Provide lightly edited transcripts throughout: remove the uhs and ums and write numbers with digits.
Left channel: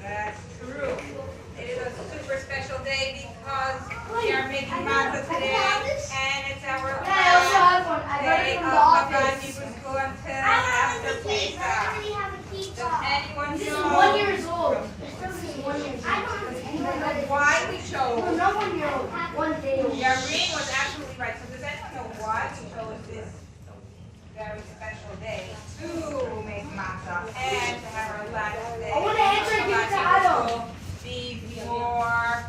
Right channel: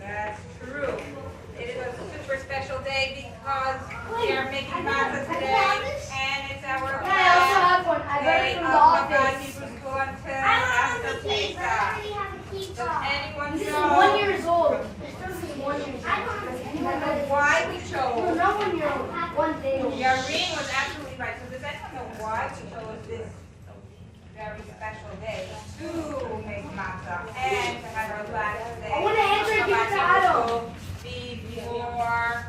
That's true. It is a super special day because we are making matzah today, and it's our day of Chabad school until after Pesach. Does anyone know? 1 year old. Does anyone know why we chose? No 1 year old. 1 day old. Rabin was absolutely right. So does anyone know why we chose this very special day to make matzah and to have our last day I want to answer of you, Chabad Tyler. school before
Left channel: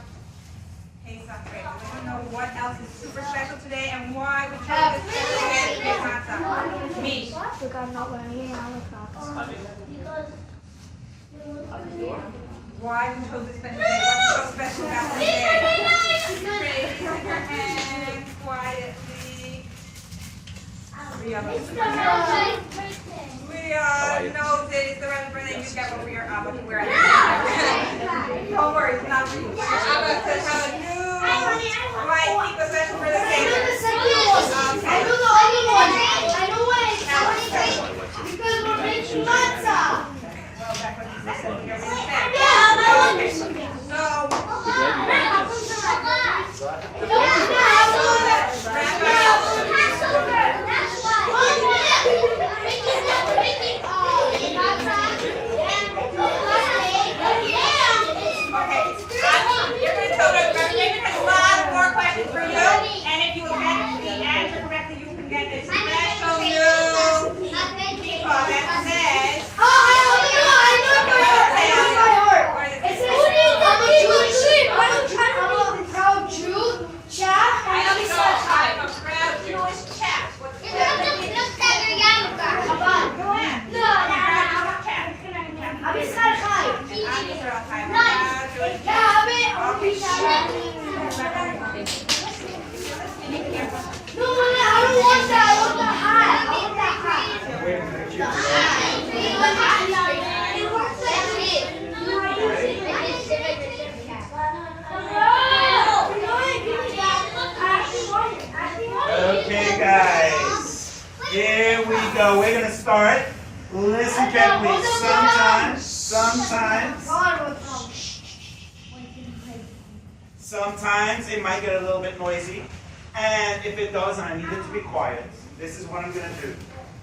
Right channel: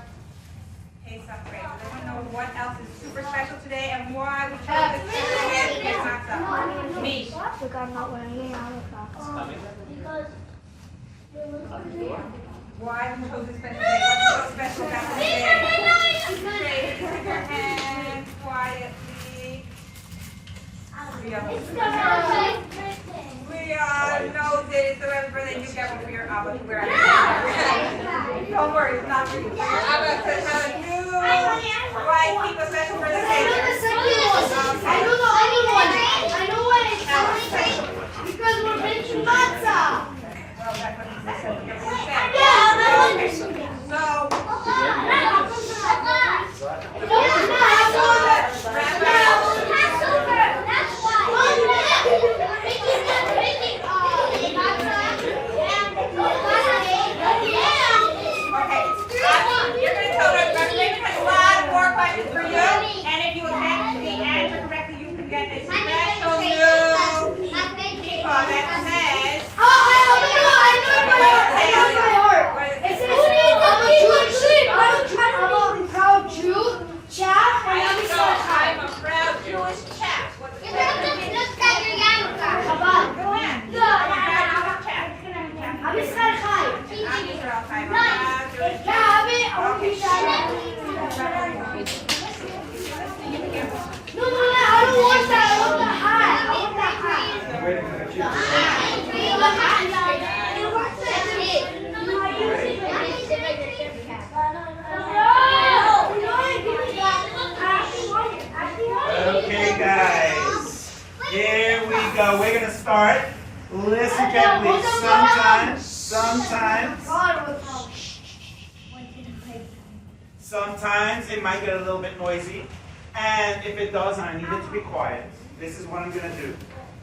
Pesach break? Does anyone know what else is super special today and why we chose this special day to make matzah? Me. Look, I'm not wearing any other socks. Why we chose this special day? What's so special about this day? Raise your hand quietly. We all know that it's the right birthday. You get one for your Abba to wear at the end. Don't worry, it's not for you. For your Abba to have a new white people special for the day. I know the other one. I know what it's called. Because we're making matzah. Well, that's what he said. Yeah, I understood. For you, and if you answer correctly, you can get this special new teapot that says. It says, who needs a Jewish sheep? I don't try to be a proud Jew. Chap, I'm and a proud Jewish chap. What's the Chabad. Go ahead. No, Abi Sar Chai. Yeah, Abi, I want to be Sar. No, I don't want that. I want the hat. I want that hat. Okay, guys. Here we go. We're going to start. Listen carefully. Sometimes it might get a little bit noisy. And if it does, I need it to be quiet. This is what I'm going to do.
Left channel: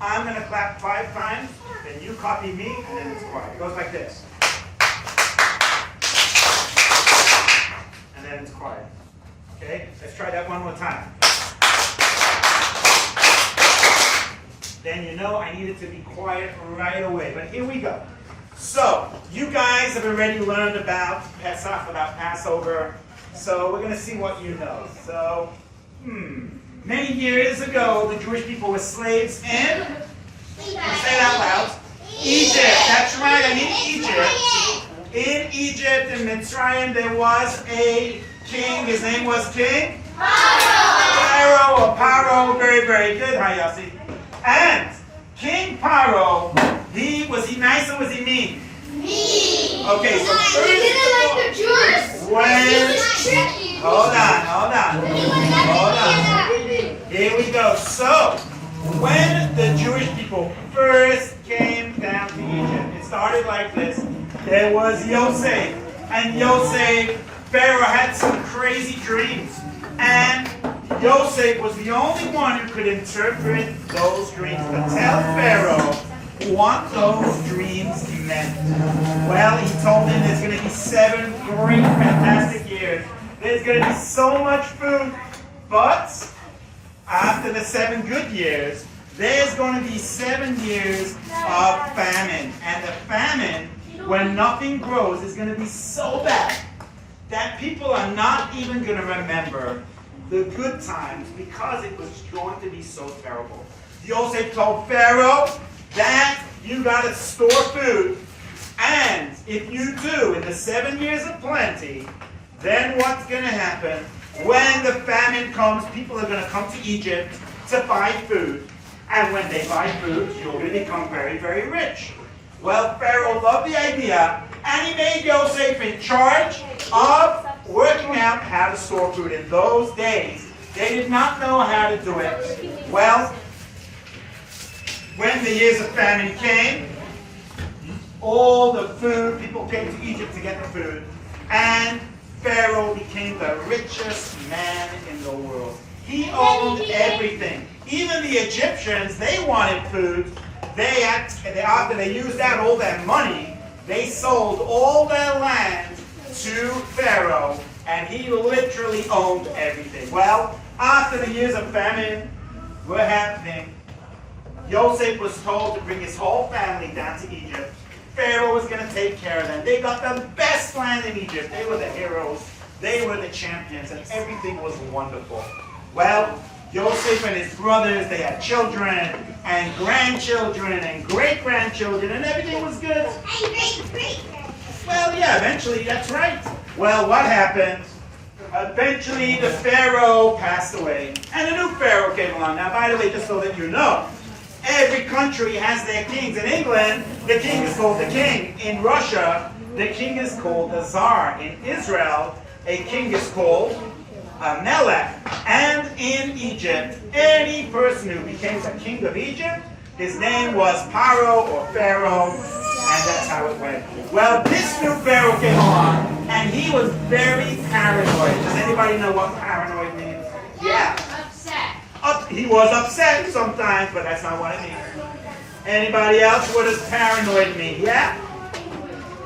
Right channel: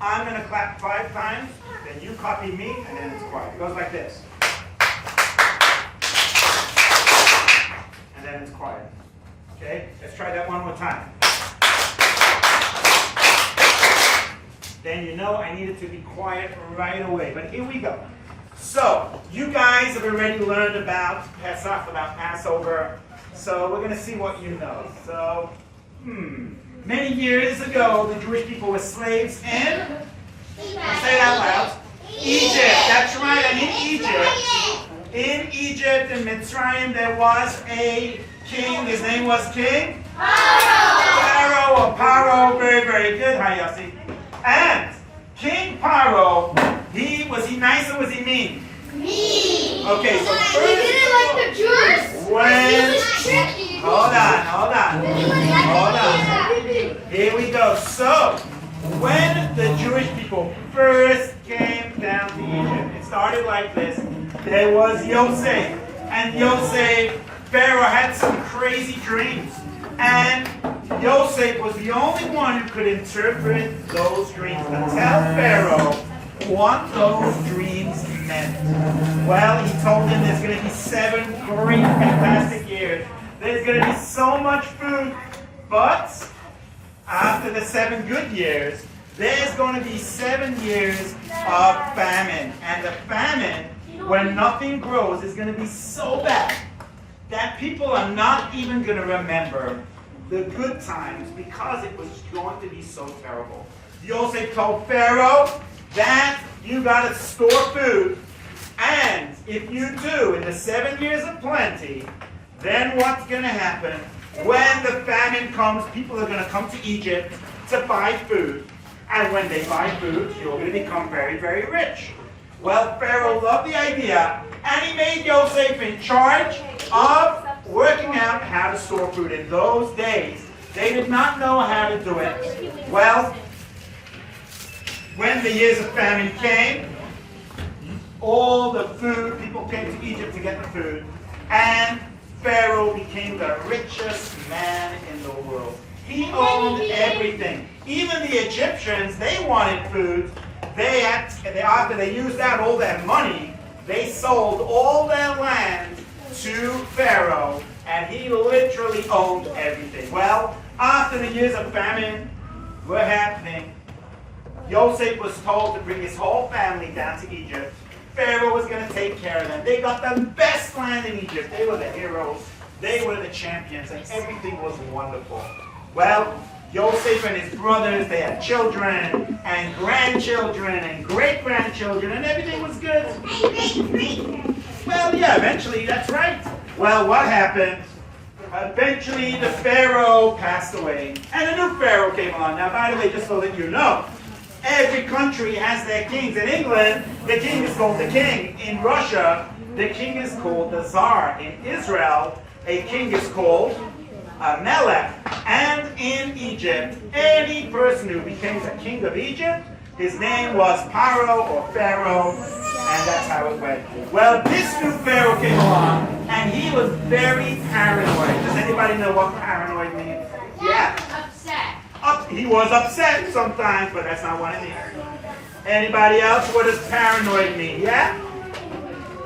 I'm going to clap 5 times, then you copy me, and then it's quiet. It goes like this. And then it's quiet. Okay? Let's try that one more time. Then you know I need it to be quiet right away. But here we go. So, you guys have already learned about Pesach, about Passover. So we're going to see what you know. So, many years ago, the Jewish people were slaves in, say it out loud, Egypt. That's right, I mean Egypt. In Egypt, in Mitzrayim, there was a king. His name was King Pharaoh or Paro. Very, very good. Hi, Yossi. And King Paro, was he nice or was he mean? Mean. Okay, so first, He didn't like the Jews. when, He was tricky. hold on. Here we go. So, when the Jewish people first came down to Egypt, it started like this. there was Yosef. And Yosef, Pharaoh had some crazy dreams. And Yosef was the only one who could interpret those dreams to tell Pharaoh what those dreams meant. Well, he told him there's going to be 7 great, fantastic years. There's going to be so much food. But after the 7 good years, there's going to be 7 years of famine. And the famine, when nothing grows, is going to be so bad that people are not even going to remember the good times because it was going to be so terrible. Yosef told Pharaoh that you got to store food, and if you do, in the 7 years of plenty, then what's going to happen? When the famine comes, people are going to come to Egypt to buy food, and when they buy food, you're going to become very, very rich. Well, Pharaoh loved the idea, and he made Yosef in charge of working out how to store food. In those days, they did not know how to do it. Well, when the years of famine came, all the food, people came to Egypt to get the food, and Pharaoh became the richest man in the world. He owned everything. Even the Egyptians, they wanted food. After they used out all their money, they sold all their land to Pharaoh, and he literally owned everything. Well, after the years of famine were happening, Yosef was told to bring his whole family down to Egypt. Pharaoh was going to take care of them. They got the best land in Egypt. They were the heroes. They were the champions, and everything was wonderful. Well, Yosef and his brothers, they had children and grandchildren and great-grandchildren, and everything was good. Well, yeah, eventually, that's right. Well, what happened? Eventually, the Pharaoh passed away, and a new Pharaoh came along. Now, by the way, just so that you know, every country has their kings. In England, the king is called the king. In Russia, the king is called the Tsar. In Israel, a king is called a Melech. And in Egypt, any person who became the king of Egypt, his name was Paro or Pharaoh, and that's how it went. Well, this new Pharaoh came along, and he was very paranoid. Does anybody know what paranoid means? Yeah. Upset. He was upset sometimes, but that's not what it means. Anybody else? What does paranoid mean? Yeah?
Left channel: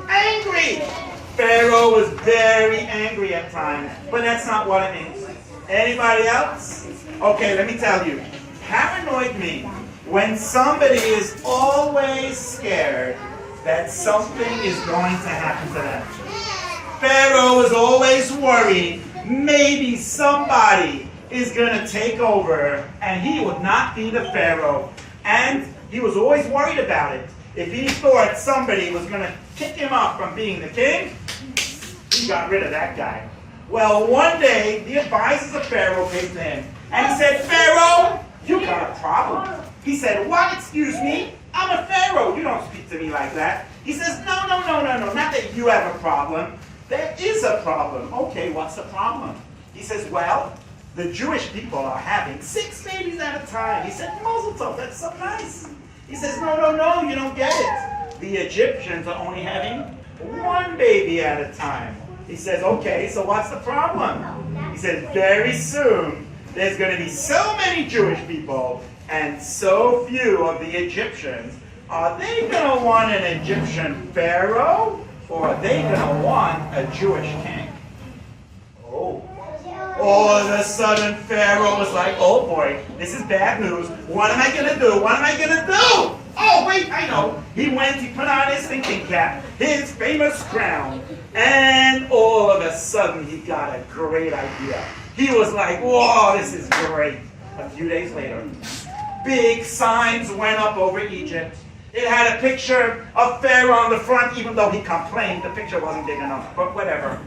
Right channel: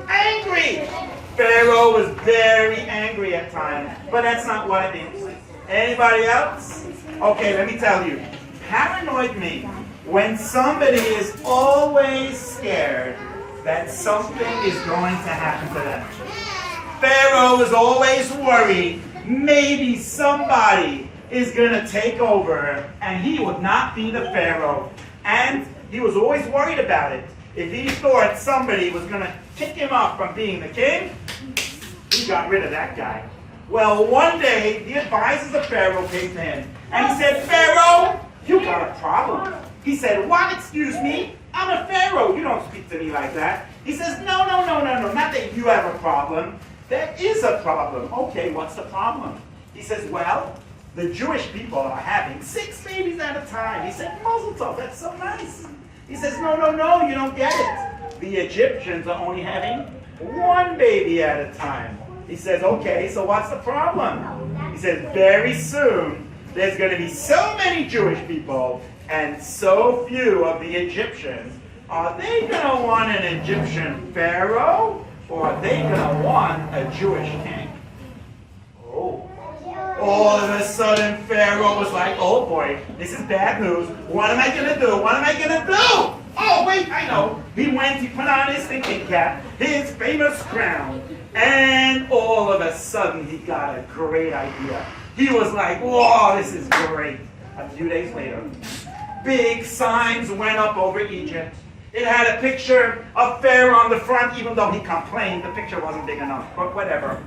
Angry. Pharaoh was very angry at times, but that's not what it means. Anybody else? Okay, let me tell you. Paranoid means when somebody is always scared that something is going to happen to them. Pharaoh was always worried maybe somebody is going to take over and he would not be the Pharaoh. And he was always worried about it. If he thought somebody was going to kick him off from being the king, he got rid of that guy. Well, one day, the advisors of Pharaoh came to him, and he said, Pharaoh, you got a problem. He said, what? Excuse me? I'm a Pharaoh. You don't speak to me like that. He says, no, not that you have a problem. There is a problem. Okay, what's the problem? He says, well, the Jewish people are having 6 babies at a time. He said, Mazel Tov, that's so nice. He says, no, you don't get it. The Egyptians are only having 1 baby at a time. He says, okay, so what's the problem? He says, very soon, there's going to be so many Jewish people and so few of the Egyptians. Are they going to want an Egyptian pharaoh, or are they going to want a Jewish king? Oh. All of a sudden, Pharaoh was like, oh boy, this is bad news. What am I going to do? What am I going to do? Oh, wait, I know. He put on his thinking cap, his famous crown, and all of a sudden, he got a great idea. He was like, whoa, this is great. A few days later, big signs went up over Egypt. It had a picture of Pharaoh on the front, even though he complained the picture wasn't big enough, but whatever.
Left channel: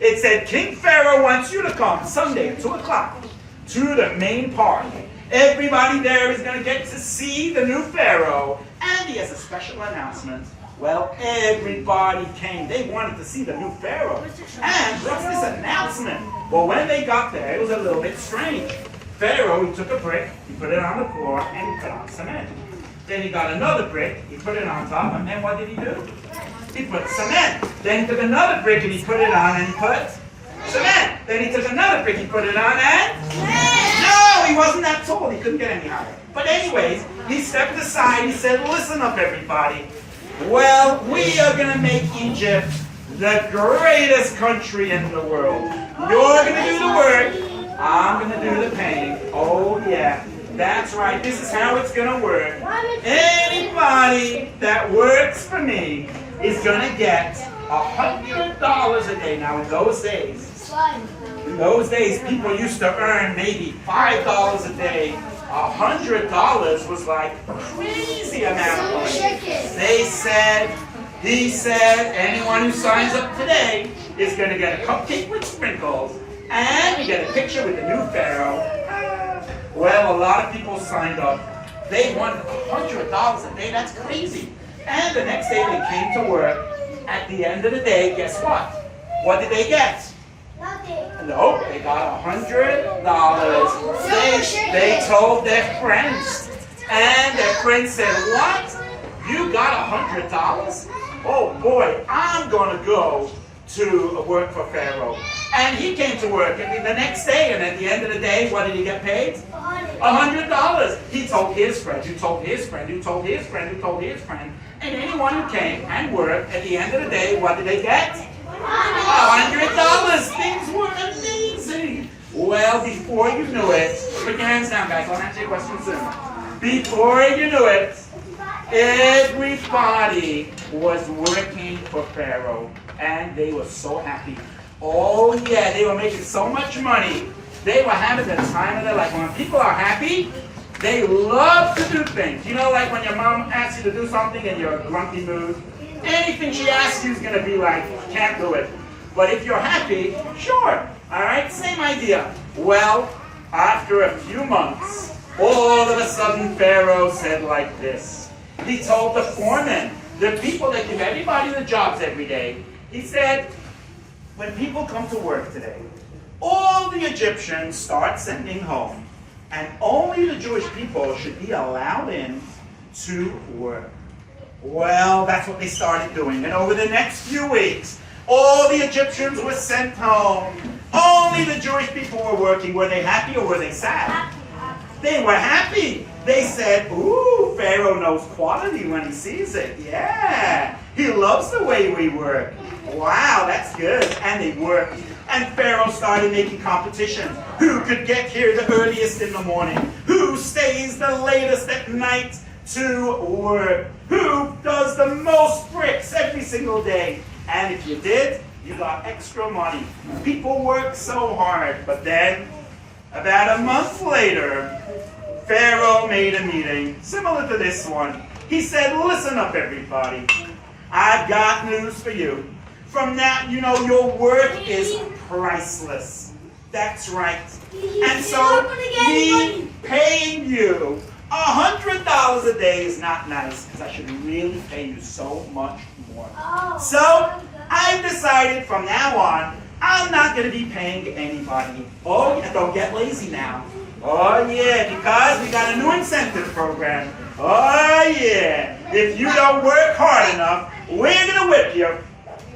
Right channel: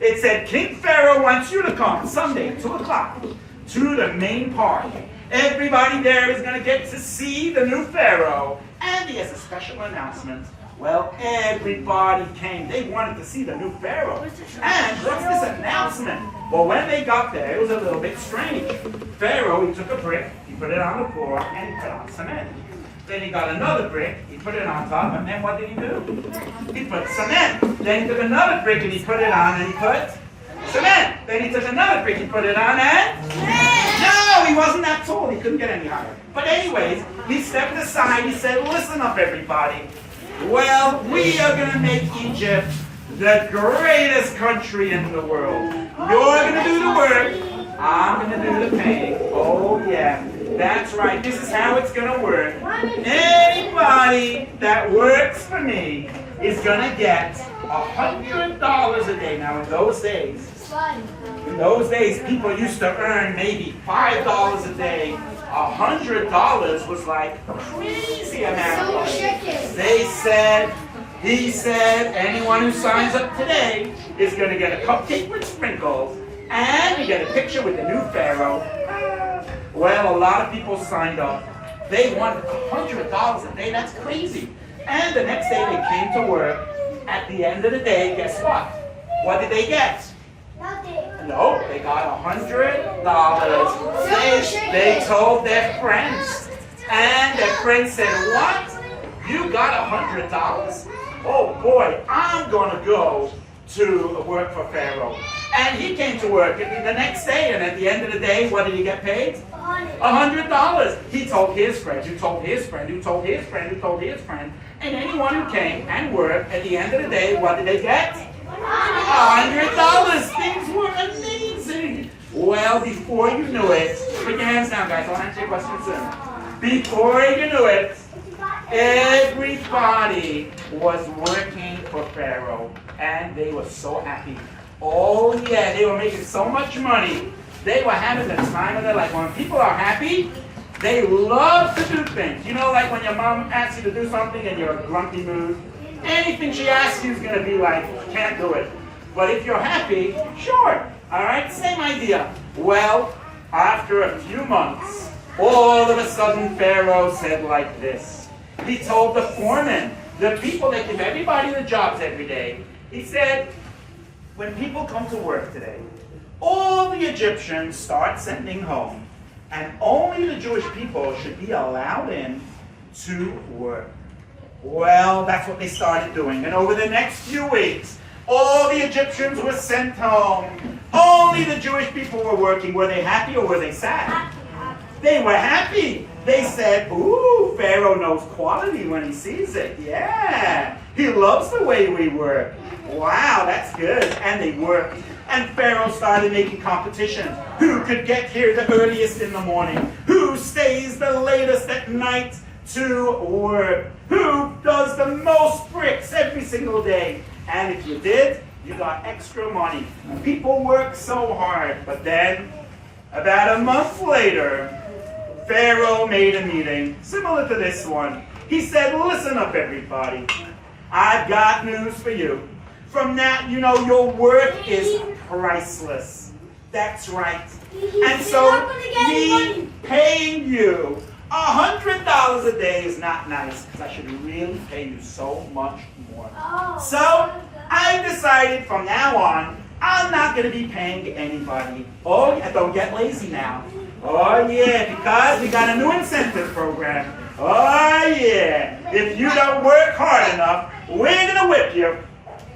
It said, King Pharaoh wants you to come Sunday, 2 o'clock, to the main park. Everybody there is going to get to see the new Pharaoh, and he has a special announcement. Well, everybody came. They wanted to see the new Pharaoh. And what's this announcement? Well, when they got there, it was a little bit strange. Pharaoh, he took a brick, he put it on the floor, and he put on cement. Then he got another brick, he put it on top, and then what did he do? He put cement. Then he took another brick and he put it on, and he put cement. Then he took another brick, he put it on, and no, he wasn't that tall, he couldn't get any higher. But anyways, he stepped aside, he said, listen up everybody. Well, we are going to make Egypt the greatest country in the world. You're going to do the work, I'm going to do the paying. Oh yeah, that's right, this is how it's going to work. Anybody that works for me is going to get $100 a day. Now in those days, people used to earn maybe $5 a day. $100 was like a crazy amount of money. He said, anyone who signs up today is going to get a cupcake with sprinkles, and you get a picture with the new pharaoh. Well, a lot of people signed up. They won $100 a day. That's crazy. And the next day they came to work. At the end of the day, guess what? What did they get? Nope, they got $100. They told their friends. And their friends said, what? You got $100? Oh boy, I'm going to go to work for Pharaoh. And he came to work and the next day, and at the end of the day, what did he get paid? $100. He told his friend, who told his friend, who told his friend, who told his friend. And anyone who came and worked, at the end of the day, what did they get? $100. Things were amazing. Well, before you knew it, put your hands down, guys. I'll answer your question soon. Before you knew it, everybody was working for Pharaoh, and they were so happy. Oh yeah, they were making so much money. They were having the time of their life. When people are happy, they love to do things. You know, like when your mom asks you to do something and you're in a grumpy mood. Anything she asks you is going to be like, can't do it. But if you're happy, sure. All right, same idea. Well, after a few months, all of a sudden Pharaoh said like this. He told the foreman, the people that give everybody the jobs every day, he said, when people come to work today, all the Egyptians start sending home, and only the Jewish people should be allowed in to work. Well, that's what they started doing. And over the next few weeks, all the Egyptians were sent home. Only the Jewish people were working. Were they happy or were they sad? They were happy. They said, ooh, Pharaoh knows quality when he sees it. Yeah, he loves the way we work. Wow, that's good. And they worked. And Pharaoh started making competitions. Who could get here the earliest in the morning? Who stays the latest at night to work? Who does the most bricks every single day? And if you did, you got extra money. People work so hard. But then, about a month later, Pharaoh made a meeting similar to this one. He said, listen up everybody. I've got news for you. From now, you know, your work is priceless. That's right. And so, me paying you $100 a day is not nice, because I should really pay you so much more. So, I decided from now on, I'm not going to be paying anybody. Oh, yeah, don't get lazy now. Oh, yeah, because we got a new incentive program. Oh, yeah. If you don't work hard enough, we're going to whip you.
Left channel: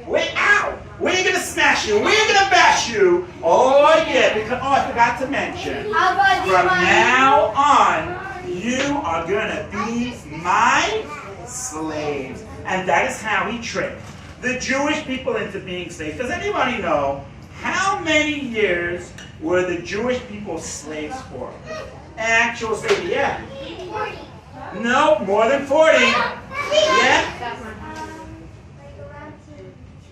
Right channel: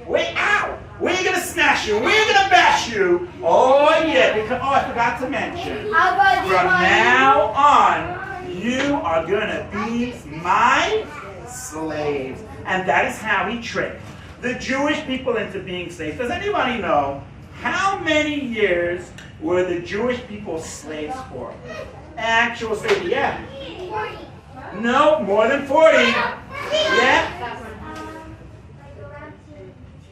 We're going to smash you. We're going to bash you. Oh, yeah. Because, oh, I forgot to mention. From now on, you are going to be my slaves. And that is how he tricked the Jewish people into being slaves. Does anybody know how many years were the Jewish people slaves for? Actual slavery, yeah. 40. No, more than 40. Yeah.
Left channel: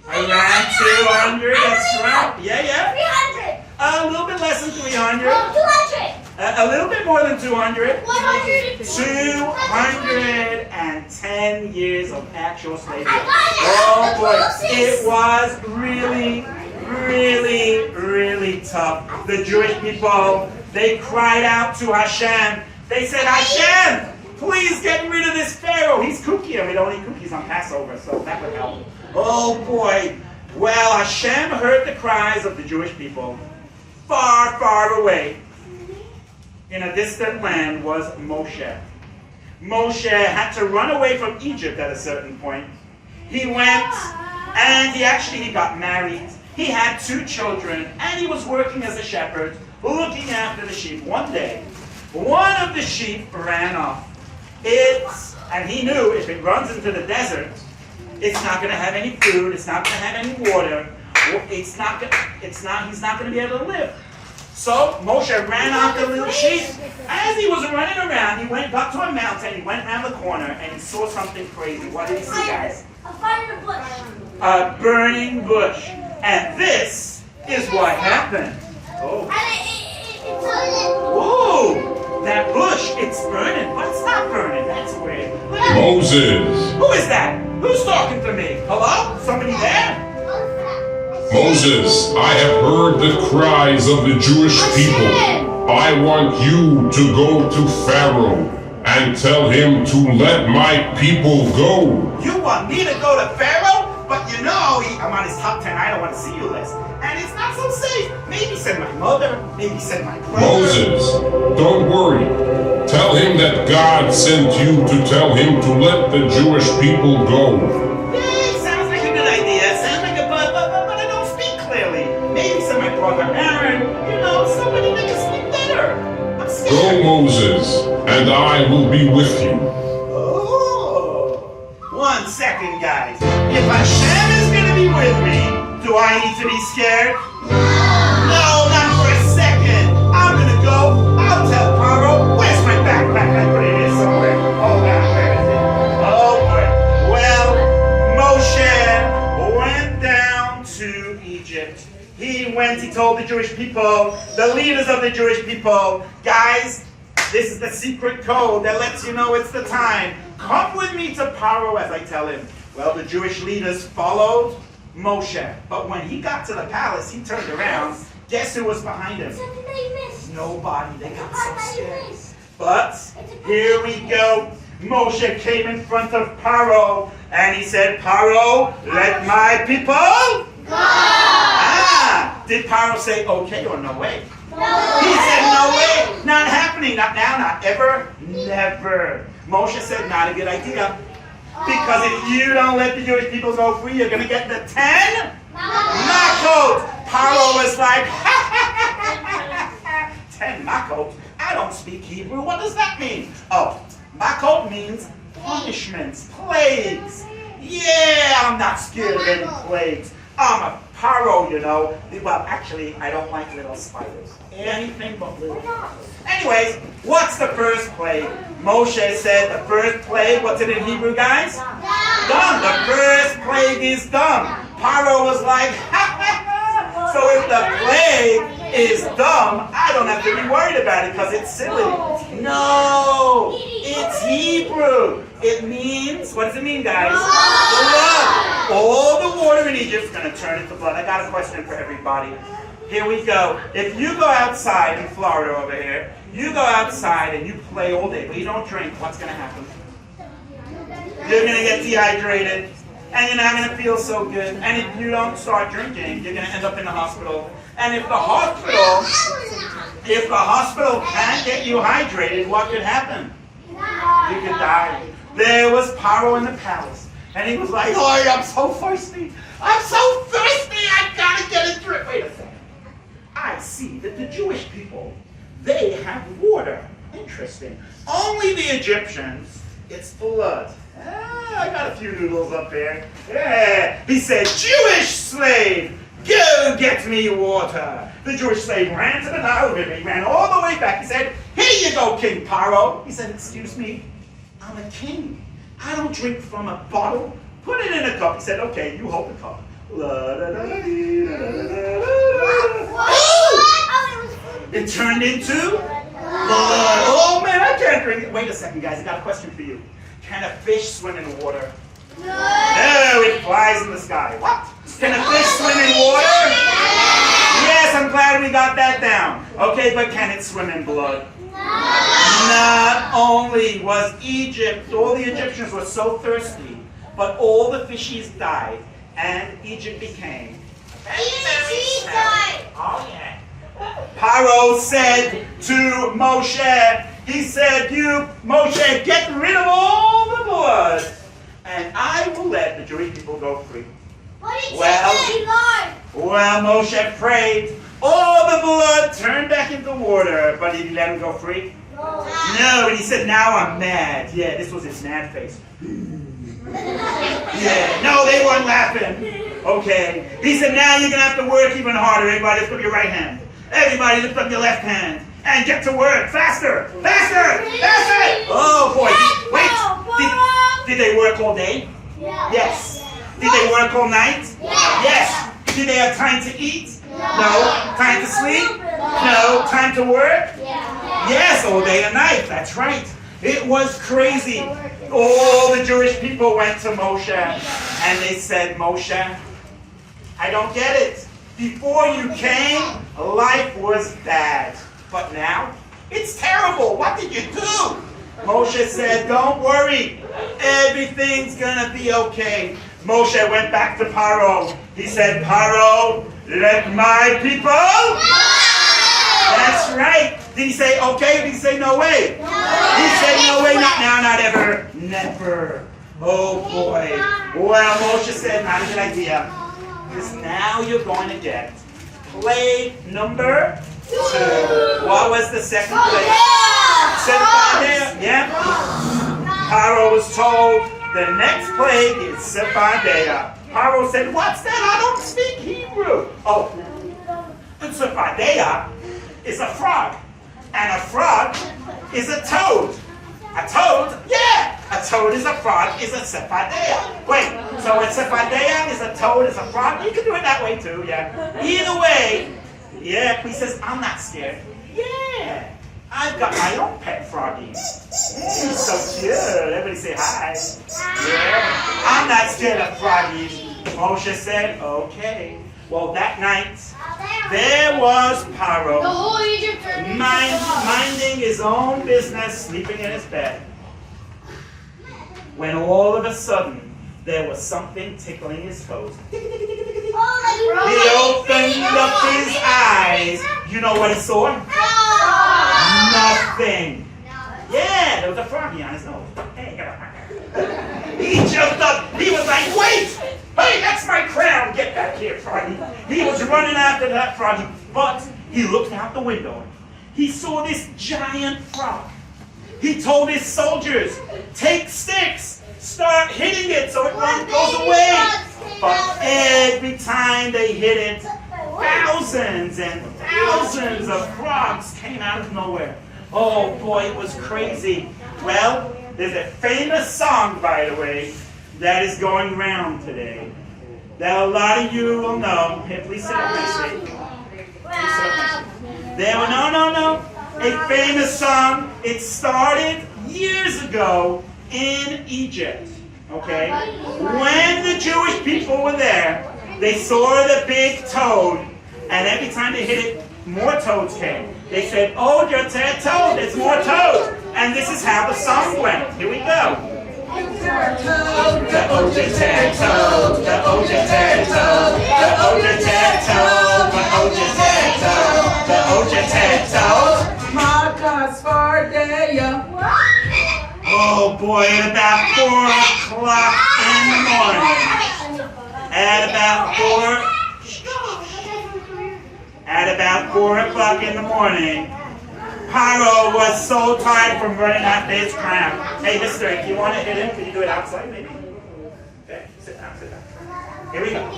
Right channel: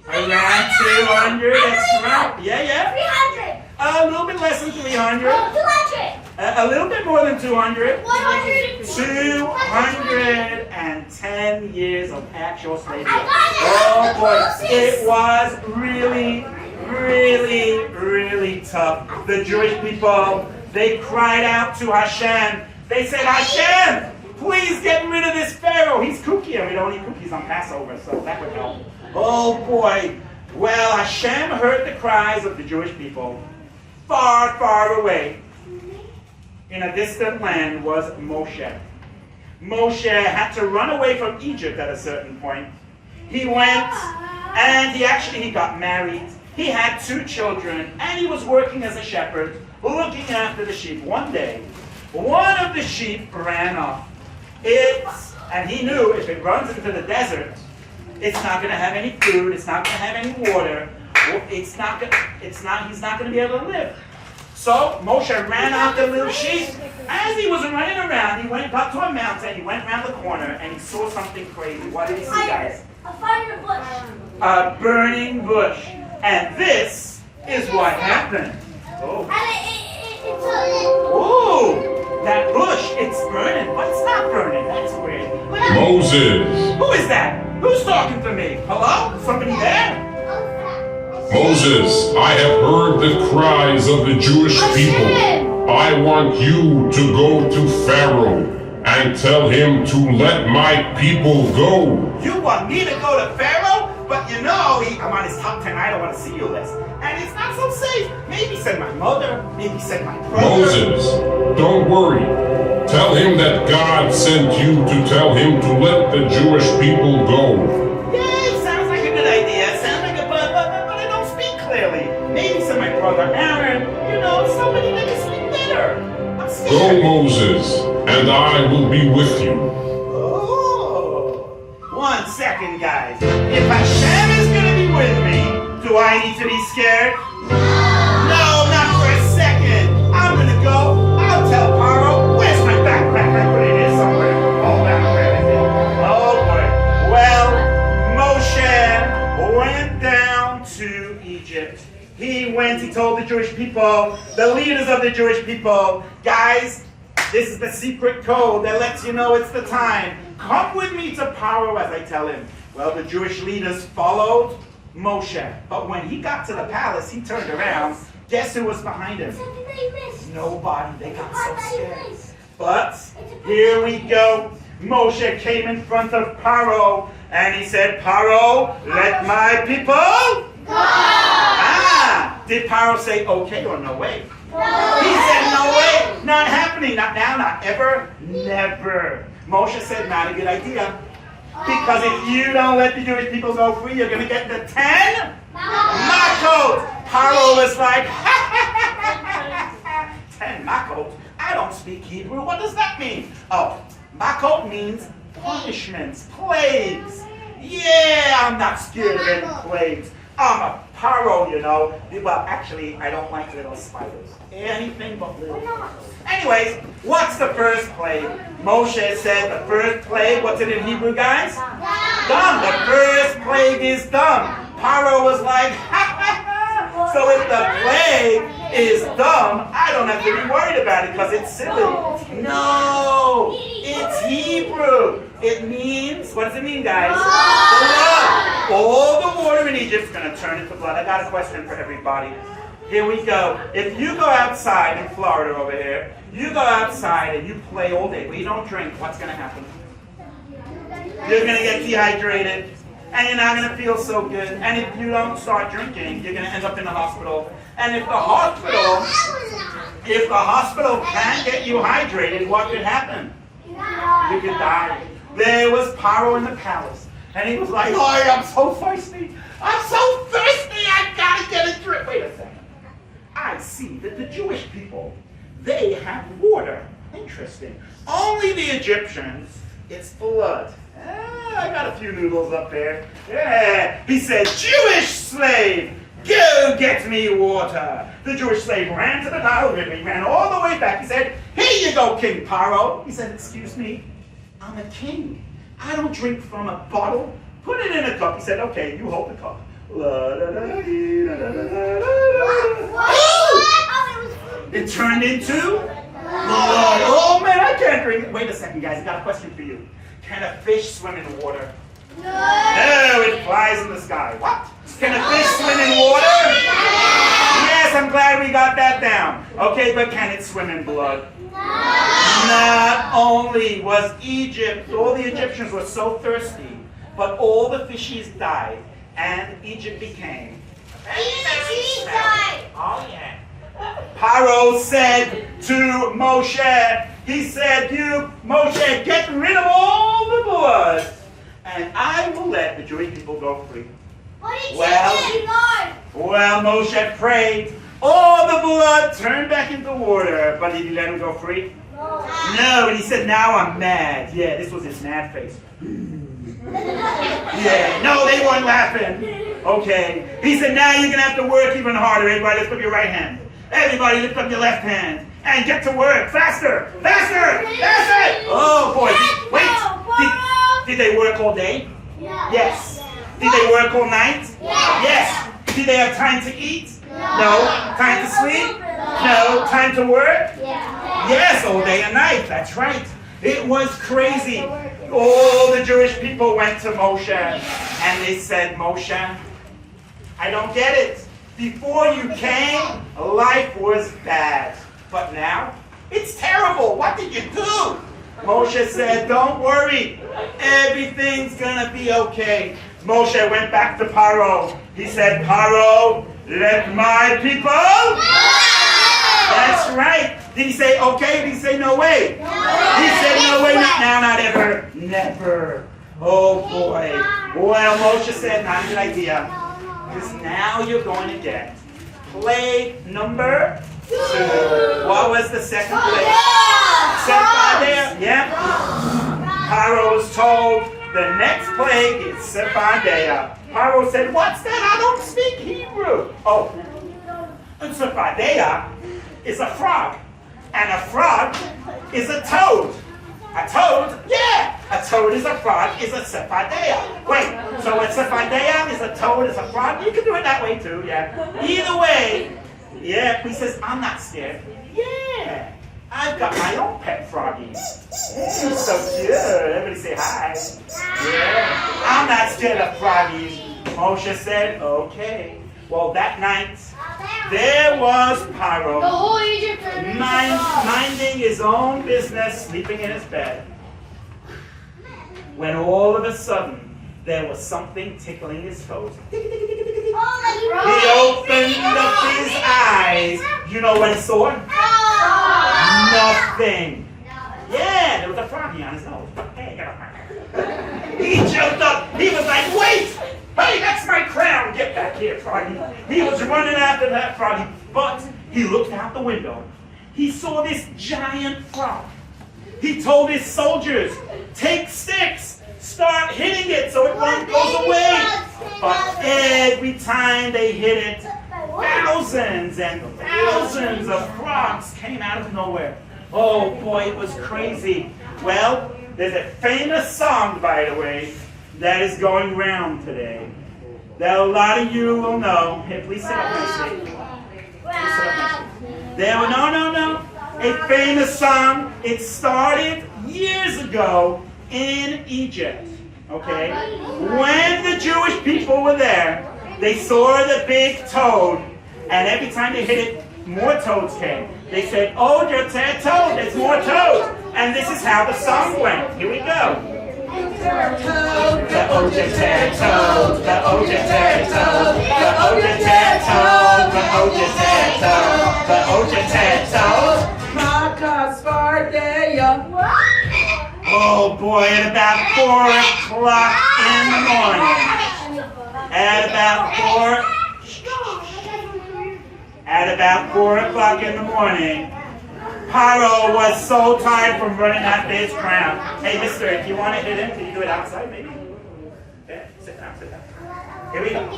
Around 200, that's right. Yeah. 300. A little bit less than 300. Oh, 200. A little bit more than 200. 100. 210 years of actual slavery. Oh boy, it was really, really, really tough. The Jewish people, they cried out to Hashem. They said, Hashem, please get rid of this Pharaoh. He's kooky, and we don't eat cookies on Passover, so that would help. Oh boy. Well, Hashem heard the cries of the Jewish people. Far, far away, in a distant land, was Moshe. Moshe had to run away from Egypt at a certain point. He went and he got married. He had 2 children and he was working as a shepherd, looking after the sheep. One day, one of the sheep ran off. And he knew if it runs into the desert, it's not going to have any food, it's not going to have any water, he's not going to be able to live. So Moshe ran after the little sheep. As he was running around, he got to a mountain, he went around the corner, and he saw something crazy. What did he see, guys? A fire bush. A burning bush. And this is what happened. Oh. Ooh, that bush, it's burning, but it's not burning. That's weird. Moses. Who is that? Who's talking to me? Hello? Somebody there? Moses, I have heard the cries of the Jewish people. I want you to go to Pharaoh and tell him to let my people go. You want me to go to Pharaoh? But you know, I'm on his top 10 I don't want to see you list. And it's not so safe. Maybe send my mother, maybe send my brother. Moses, don't worry. Tell him that God sent you to tell him to let the Jewish people go. Yeah, it sounds like a good idea. Sounds like but I don't speak clearly. Maybe send my brother Aaron. You know, somebody that can speak better. I'm scared. Go, Moses, and I will be with you. Oh, 1 second, guys. If Hashem is going to be with me, do I need to be scared? No, not for a second. I'm going to go. I'll tell Paro. Where's my backpack? I put it in somewhere. Oh, where is it? Oh, boy. Well, Moshe went down to Egypt. He told the Jewish people, the leaders of the Jewish people, guys, this is the secret code that lets you know it's the time. Come with me to Paro as I tell him. Well, the Jewish leaders followed Moshe. But when he got to the palace, he turned around. Guess who was behind him? Nobody. They got so scared. But here we go. Moshe came in front of Paro and he said, Paro, let my people go. Did Paro say okay or no way? No. He said no way. Not happening. Not now, not ever, never. Moshe said not a good idea. Because if you don't let the Jewish people go free, you're going to get the 10 makot. Paro was like, 10 makot? I don't speak Hebrew. What does that mean? Oh, makot means punishments, plagues. Yeah, I'm not scared of any plagues. I'm a Paro, you know. Well, actually, I don't like little spiders. Anything but little spiders. Anyways, what's the first plague? Moshe said the first plague, what's it in Hebrew, guys? Dumb. The first plague is dumb. Paro was like, so if the plague is dumb, I don't have to be worried about it because it's silly. No, it's Hebrew. It means, what does it mean, guys? Blood. All the water in Egypt is going to turn into blood. I got a question for everybody. Here we go. If you go outside in Florida over here, you go outside and you play all day, but you don't drink, what's going to happen? You're going to get dehydrated, and you're not going to feel so good. And if you don't start drinking, you're going to end up in the hospital. And if the hospital can't get you hydrated, what could happen? You could die. There was Paro in the palace, and he was like, oh, I'm so thirsty. I'm so thirsty, I gotta get a drink. Wait a second. I see that the Jewish people, they have water. Interesting. Only the Egyptians, it's blood. I got a few noodles up there. Yeah. He said, Jewish slave, go get me water. The Jewish slave ran to the Nile River. He ran all the way back. He said, here you go, King Paro. He said, excuse me, I'm a king. I don't drink from a bottle. Put it in a cup. He said, okay, you hold the cup. It turned into blood. Oh man, I can't drink it. Wait a second, guys. I got a question for you. Can a fish swim in water? No, it flies in the sky. What? Can a fish swim in water? Yes, I'm glad we got that down. Okay, but can it swim in blood? Not only was Egypt, all the Egyptians were so thirsty, but all the fishies died, and Egypt became very smelly. Oh yeah. Paro said to Moshe, He said, you, Moshe, get rid of all the blood, and I will let the Jewish people go free. Well, Moshe prayed. All the blood turned back into water, but did he let him go free? No, and he said, now I'm mad. Yeah, this was his mad face. Yeah, no, they weren't laughing. Okay. He said, now you're going to have to work even harder. Everybody lift up your right hand. Everybody lift up your left hand. And get to work. Faster! Faster! Faster! Oh, boy. Wait. Did they work all day? Yes. Did they work all night? Yes. Did they have time to eat? No. Time to sleep? No. Time to work? Yes, all day and night. That's right. It was crazy. All the Jewish people went to Moshe and they said, Moshe, I don't get it. Before you came, life was bad. But now, it's terrible. What did you do? Moshe said, don't worry. Everything's going to be okay. Moshe went back to Paro. He said, Paro, let my people... That's right. Did he say okay? Did he say no way? He said no way, not now, not ever, never. Oh boy. Well, Moshe said, not a good idea. Because now you're going to get plague number 2. What was the second plague? Sephardia. Yeah. Paro was told the next plague is Sephardia. Paro said, what's that? I don't speak Hebrew. Oh, and Sephardia is a frog. And a frog is a toad. A toad? Yeah! A toad is a frog, is a Sephardia. Wait, so a Sephardia is a toad, is a frog? You can do it that way too, yeah. Either way, yeah, he says, I'm not scared. Yeah, I've got my own pet froggies. Yeah, he's so cute. Everybody say hi. Yeah, I'm not scared of froggies. Moshe said, okay. Well, that night, there was Paro, minding his own business, sleeping in his bed, when all of a sudden, there was something tickling his toes. He opened up his eyes. You know what he saw? Nothing. Yeah, there was a froggy on his nose. He jumped up. He was like, wait! Hey, that's my crown! Get back here, froggy. He was running after that froggy, but he looked out the window. He saw this giant frog. He told his soldiers, take sticks, start hitting it so it goes away. But every time they hit it, thousands and thousands of frogs came out of nowhere. Oh boy, it was crazy. Well, there's a famous song, by the way, that is going round today, that a lot of you will know. Here, please sit up, please sit. There were, no. A famous song. It started years ago in Egypt, okay? When the Jewish people were there, they saw the big toad, and every time they hit it, more toads came. They said, oh, you're a toad, there's more toads. And this is how the song went. Here we go. The Ojeted toad, the Ojeted toad, the Ojeted toad, the Ojeted toad, the Ojeted toad. Oh boy, at about 4 o'clock in the morning. At about 4 o'clock in the morning, Paro was so tired from running after his crown. Hey, mister, if you want to hit him, can you do it outside, maybe? Okay, sit down. Here we go.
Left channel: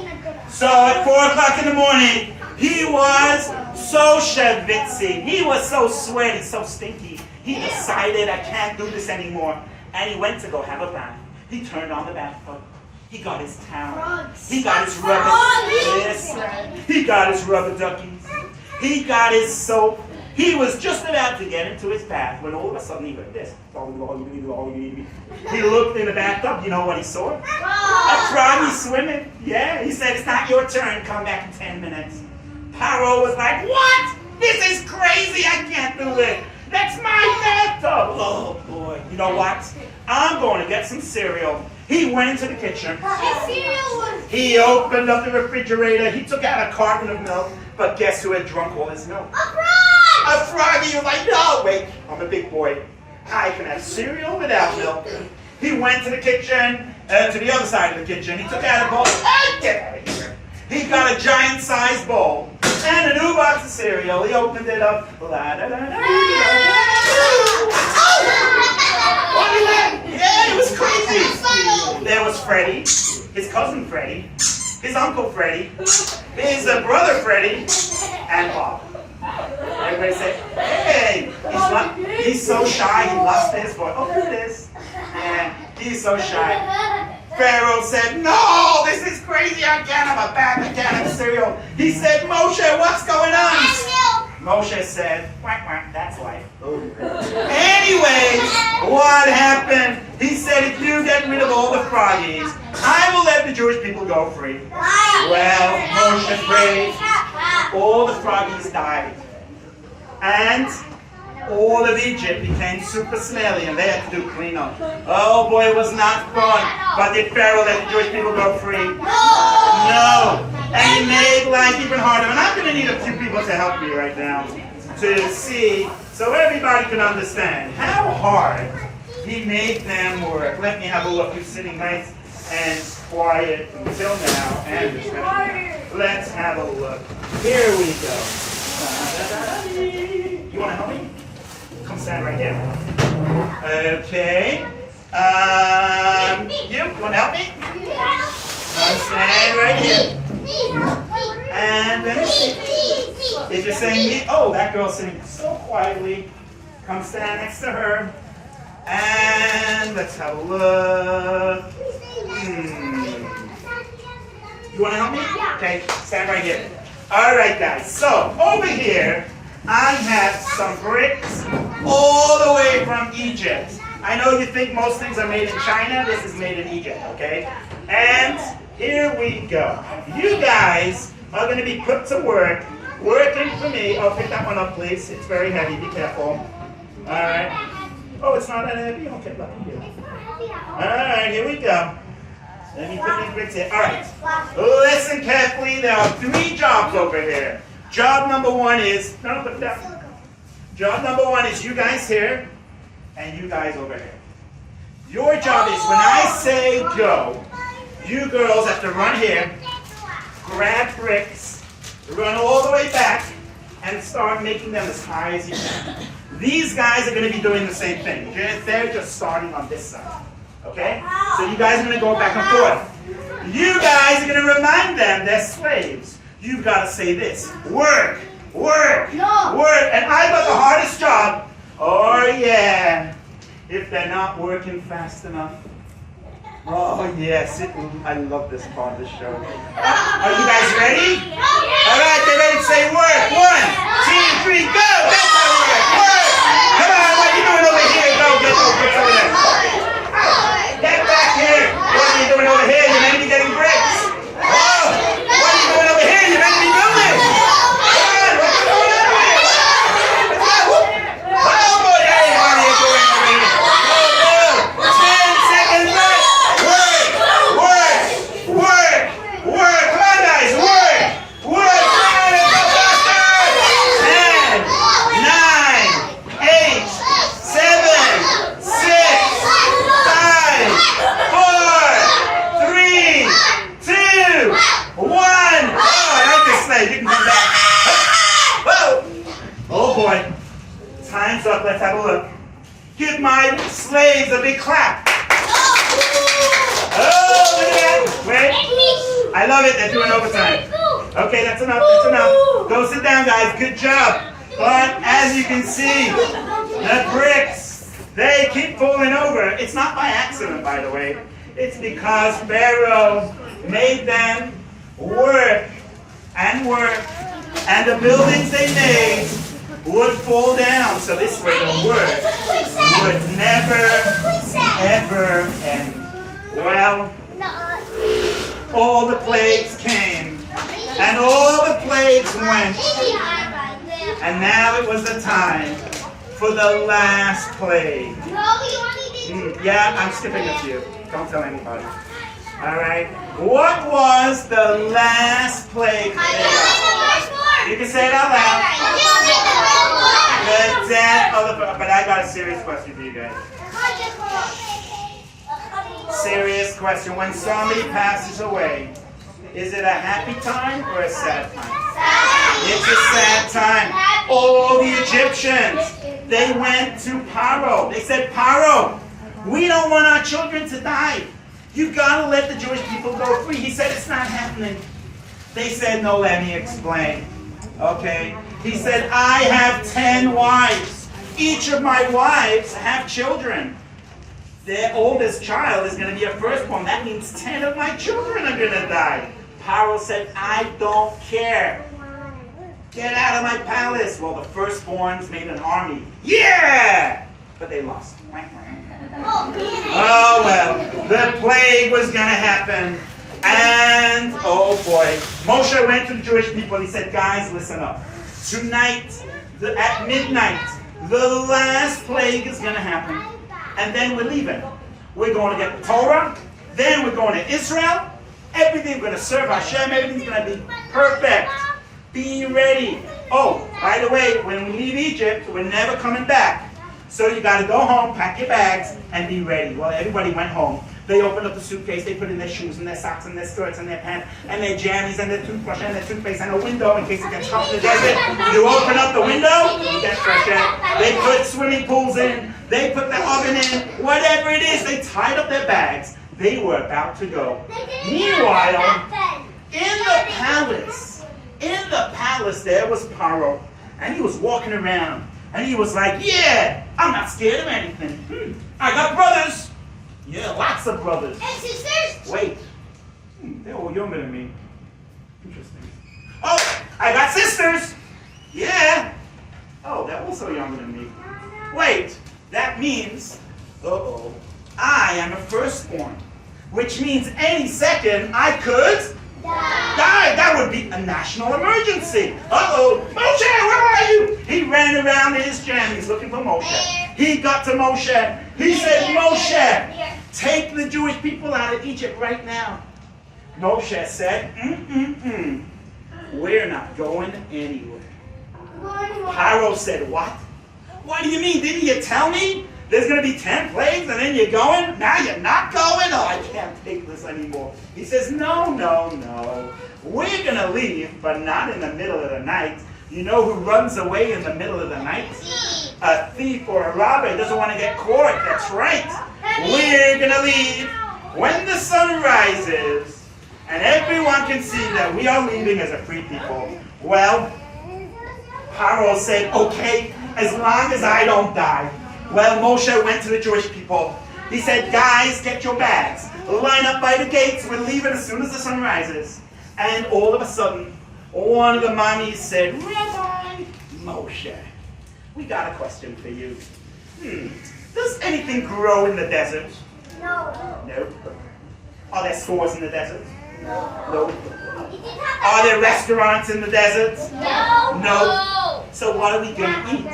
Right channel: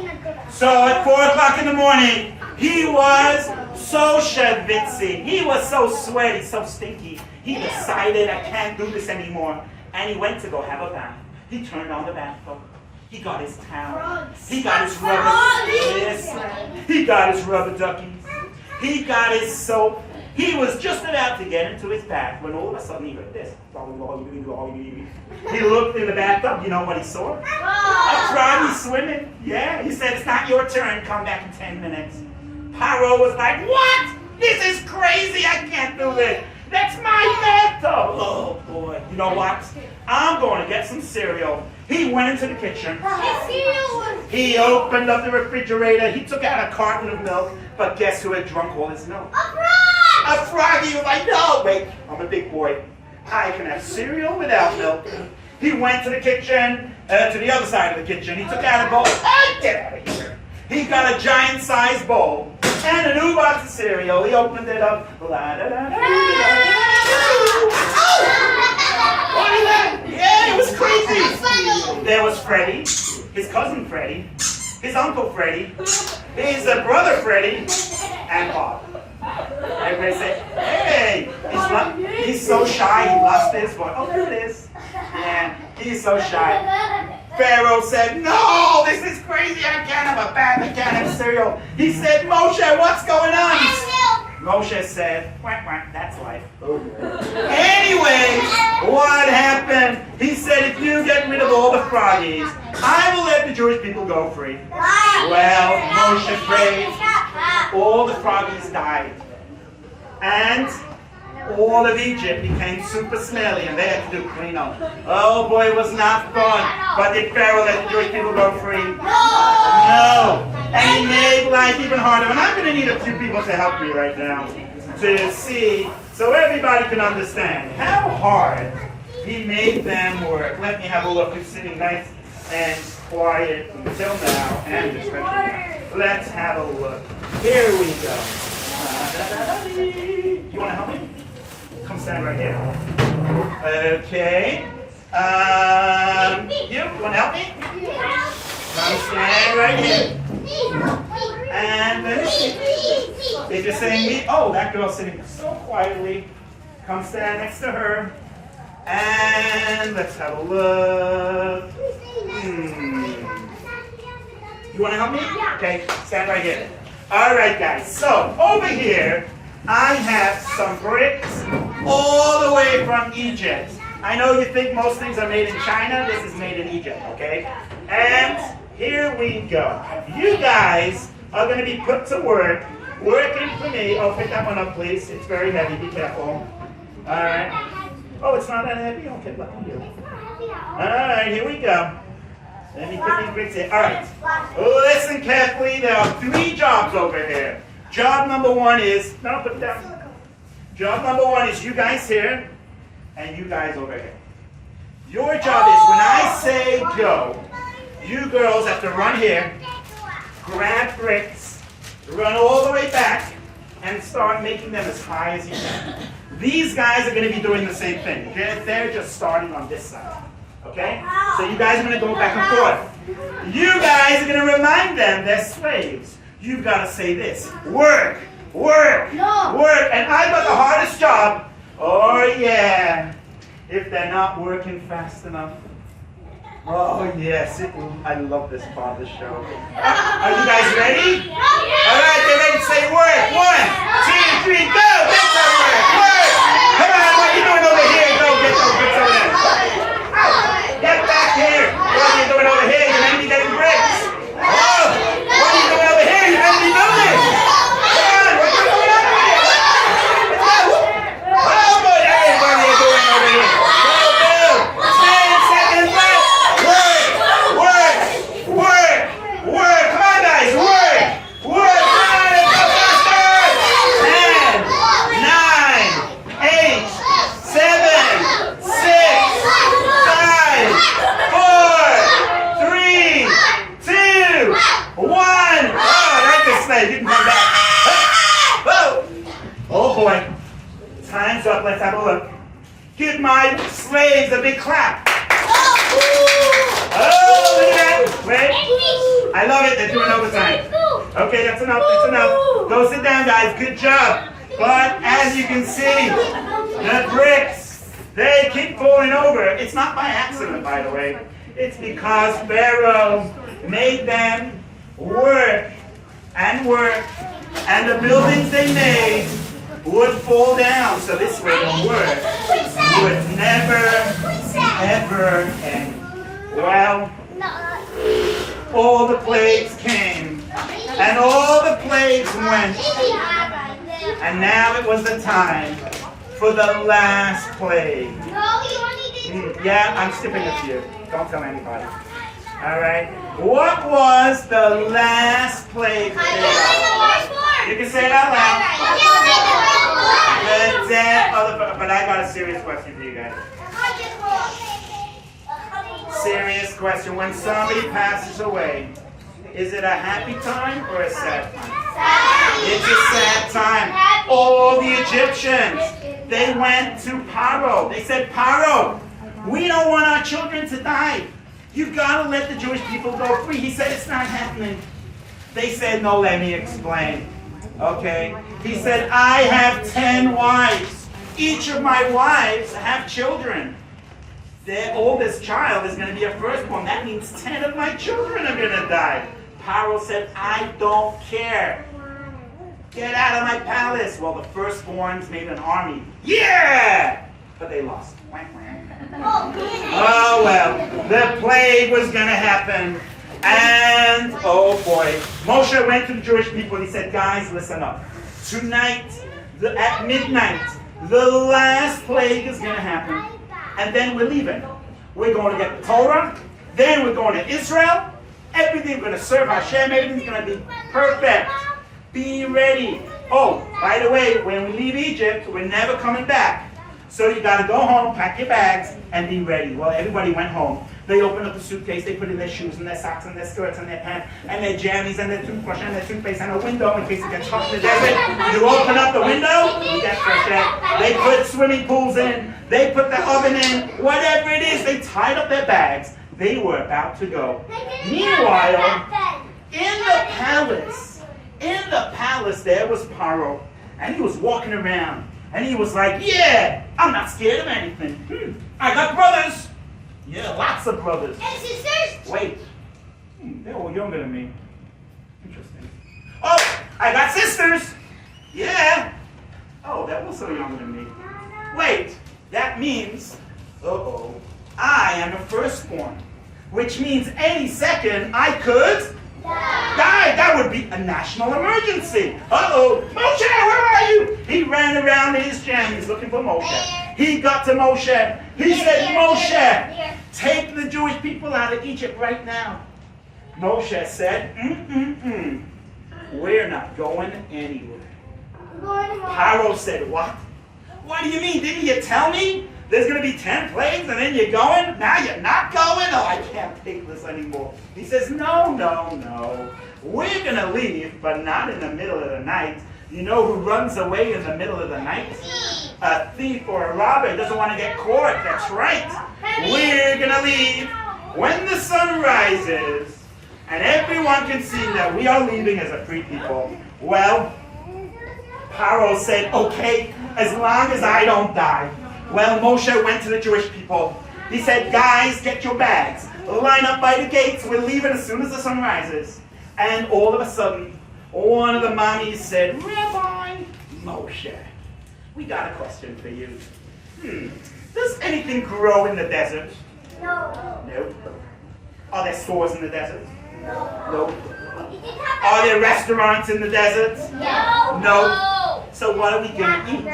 So at 4 o'clock in the morning, he was so schwitzy. He was so sweaty, so stinky. He decided, I can't do this anymore. And he went to go have a bath. He turned on the bathtub. He got his towel. He got his rubber. Yes. He got his rubber duckies. He got his soap. He was just about to get into his bath when all of a sudden he heard this. He looked in the bathtub. You know what he saw? A froggy swimming. Yeah. He said, it's not your turn. Come back in 10 minutes. Paro was like, what? This is crazy. I can't do this. That's my bathtub. Oh, boy. You know what? I'm going to get some cereal. He went into the kitchen. He opened up the refrigerator. He took out a carton of milk. But guess who had drunk all his milk? A frog! A froggy was like, no, wait, I'm a big boy. I can have cereal without milk. He went to the kitchen, to the other side of the kitchen. He took out a bowl. Hey, get out of here. He got a giant-sized bowl and a new box of cereal. He opened it up. Yeah, it was crazy. There was Freddie, his cousin Freddie, his uncle Freddie, his brother Freddie, and Bob. Everybody say, hey, he's so shy, he lost his voice. Oh, there it is. Yeah, he's so shy. Pharaoh said, no, this is crazy. I can't have a bag, I can't have cereal. He said, Moshe, what's going on? Moshe said, quack, quack, that's life. Anyways, what happened? He said, if you get rid of all the froggies, I will let the Jewish people go free. Well, Moshe prayed. All the froggies died. And all of Egypt became super smelly and they had to do cleanup. Oh boy, it was not fun. But did Pharaoh let the Jewish people go free? No. And he made life even harder. And I'm going to need a few people to help me right now to see, so everybody can understand how hard he made them work. Let me have a look. Who's sitting nice and quiet until now and especially. Let's have a look. Here we go. You want to help me? Come stand right here. Okay. You want to help me? Come stand right here. And let me see. If you're saying me, oh, that girl's sitting so quietly. Come stand next to her. And let's have a look. You want to help me? Okay, stand right here. All right, guys. So over here, I have some bricks all the way from Egypt. I know you think most things are made in China. This is made in Egypt, okay? And here we go. You guys are going to be put to work, working for me. Oh, pick that one up, please. It's very heavy. Be careful. All right. Oh, it's not that heavy? Okay, lucky you. All right, here we go. Let me put these bricks here. All right. Listen carefully. There are 3 jobs over here. Job number 1 is, no, put it down. Job number 1 is you guys here and you guys over here. Your job is when I say go, you girls have to run here, grab bricks, run all the way back, and start making them as high as you can. These guys are going to be doing the same thing. They're just starting on this side. Okay? So you guys are going to go back and forth. You guys are going to remind them they're slaves. You've got to say this. Work, work, work. And I got the hardest job. Oh, yeah. If they're not working fast enough. Oh, yes. I love this part of the show. Are you guys ready? All right, get ready to say work. 1, 2, 3, go. That's how we work. Work. Come on, what are you doing over here? Go, get those bricks over there. Get back here. What are you doing over here? You're meant to be getting bricks. Oh, what are you doing over here? You're meant to be building. Come on, what's going on over here? Oh, boy, hey, what are you doing over here? Go, go. 10 seconds left. Work, work, work, work. Come on, guys, work, work. Come on, let's go faster. 10, 9, 8, 7, 6, 5, 4, 3, 2, 1. Oh, I like this slave. You can come back. Whoa. Oh, boy. Time's up. Let's have a look. Give my slaves a big clap. Oh, look at that. Wait. I love it. They're doing overtime. Okay, that's enough. That's enough. Go sit down, guys. Good job. But as you can see, the bricks, they keep falling over. It's not by accident, by the way. It's because Pharaoh made them work and work, and the buildings they made would fall down. So this way the work would never, ever end. Well, all the plagues came, and all the plagues went, and now it was the time for the last plague. Yeah, I'm skipping a few. Don't tell anybody. All right. What was the last plague? You can say it out loud. death of the... But I got a serious question for you guys. Serious question. When somebody passes away, is it a happy time or a sad time? It's a sad time. All the Egyptians, they went to Paro. They said, Paro, we don't want our children to die. You gotta let the Jewish people go free. He said, it's not happening. They said, no, let me explain. Okay? He said, I have 10 wives. Each of my wives have children. Their oldest child is going to be a firstborn. That means 10 of my children are going to die. Paro said, I don't care. Get out of my palace. Well, the firstborns made an army. Yeah! But they lost. Oh, well. The plague was going to happen. And, oh boy, Moshe went to the Jewish people and he said, guys, listen up. Tonight, at midnight, the last plague is going to happen. And then we're leaving. We're going to get the Torah. Then we're going to Israel. Everything's going to serve Hashem. Everything's going to be perfect. Be ready. Oh, by the way, when we leave Egypt, we're never coming back. So you got to go home, pack your bags, and be ready. Well, everybody went home. They opened up the suitcase. They put in their shoes and their socks and their skirts and their pants and their jammies and their toothbrush and their toothpaste and a window in case it gets hot in the desert. You open up the window, you get fresh air. They put swimming pools in. They put the oven in. Whatever it is, they tied up their bags. They were about to go. Meanwhile, in the palace, there was Paro, and he was walking around, and he was like, yeah, I'm not scared of anything. I got brothers. Yeah, lots of brothers. And sisters? Wait. They're all younger than me. Interesting. Oh, I got sisters. Yeah. Oh, they're also younger than me. Wait, that means, I am a firstborn. Which means any second I could die. That would be a national emergency. Moshe, where are you? He ran around in his jammies looking for Moshe. He got to Moshe. He said, Moshe, take the Jewish people out of Egypt right now. Moshe said, we're not going anywhere. Paro said, what? What do you mean? Didn't you tell me? There's going to be 10 plagues and then you're going? Now you're not going? Oh, I can't take this anymore. He says, no. We're going to leave, but not in the middle of the night. You know who runs away in the middle of the night? A thief or a robber doesn't want to get caught. That's right. We're going to leave when the sun rises and everyone can see that we are leaving as a free people. Well, Paro said, okay, as long as I don't die. Well, Moshe went to the Jewish people. He said, guys, get your bags. Line up by the gates. We're leaving as soon as the sun rises. And all of a sudden, one of the mommies said, Rabbi Moshe, we got a question for you. Does anything grow in the desert? No. Are there stores in the desert? No. Are there restaurants in the desert? No. So what are we going to eat?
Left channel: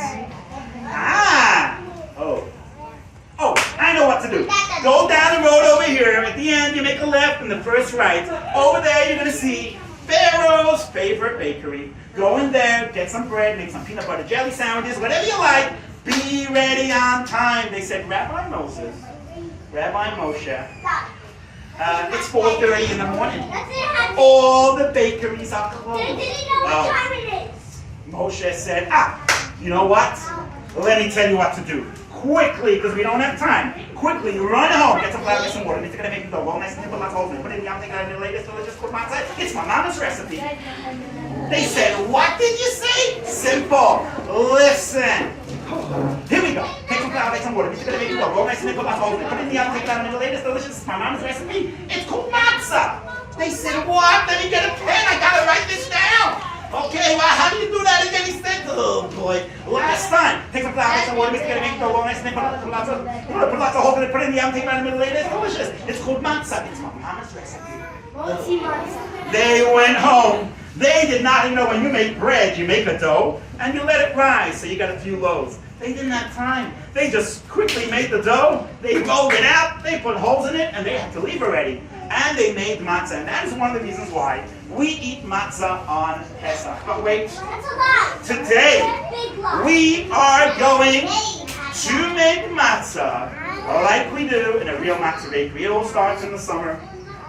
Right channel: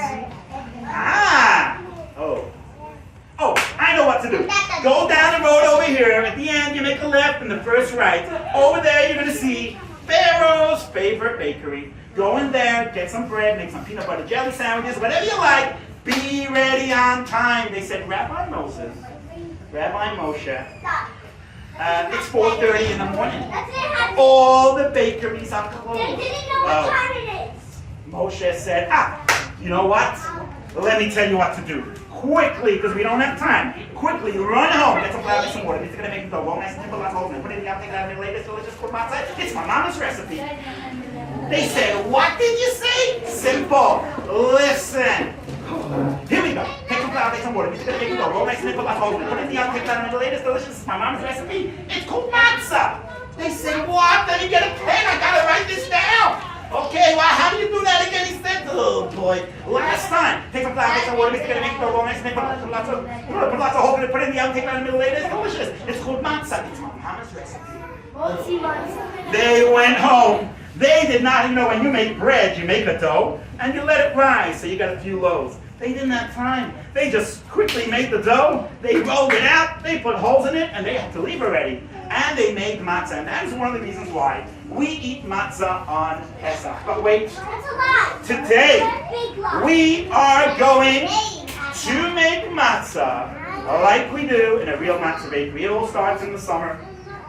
Oh, I know what to do. Go down the road over here. At the end, you make a left and the first right. Over there, you're going to see Pharaoh's favorite bakery. Go in there, get some bread, make some peanut butter jelly sandwiches, whatever you like. Be ready on time. They said, Rabbi Moshe, it's 4:30 in the morning. All the bakeries are closed. They didn't know what time it is. Moshe said, you know what? Let me tell you what to do. Quickly, because we don't have time. Quickly, run home. Get some flour, get some water. It's going to make the dough. Nice and simple, lots of holes. Put it in the oven, take it out of the latest delicious cooked matzah. It's my mama's recipe. They said, what did you say? Simple. Listen. Here we go. Take some flour, take some water. It's going to make the dough. Nice and simple, lots of holes. Put it in the oven, take it out of the latest delicious. It's my mama's recipe. It's called matzah. They said, what? Let me get a pen. I got to write this down. Okay, well, how do you do that again? He said, oh boy, last time. Take some flour, take some water, mix it, make the dough, nice and put lots of holes in it, put it in the oven, take it out in the middle of the day. It's delicious. It's called matzah. It's my mama's recipe. They went home. They did not even know when you make bread, you make a dough, and you let it rise, so you got a few loaves. They didn't have time. They just quickly made the dough, they rolled it out, they put holes in it, and they had to leave already. And they made matzah, and that is one of the reasons why we eat matzah on Pesach. But wait, That's a lot. Today, Big lot. we are going to make matzah like we do in a real matzah bakery. It all starts in the summer.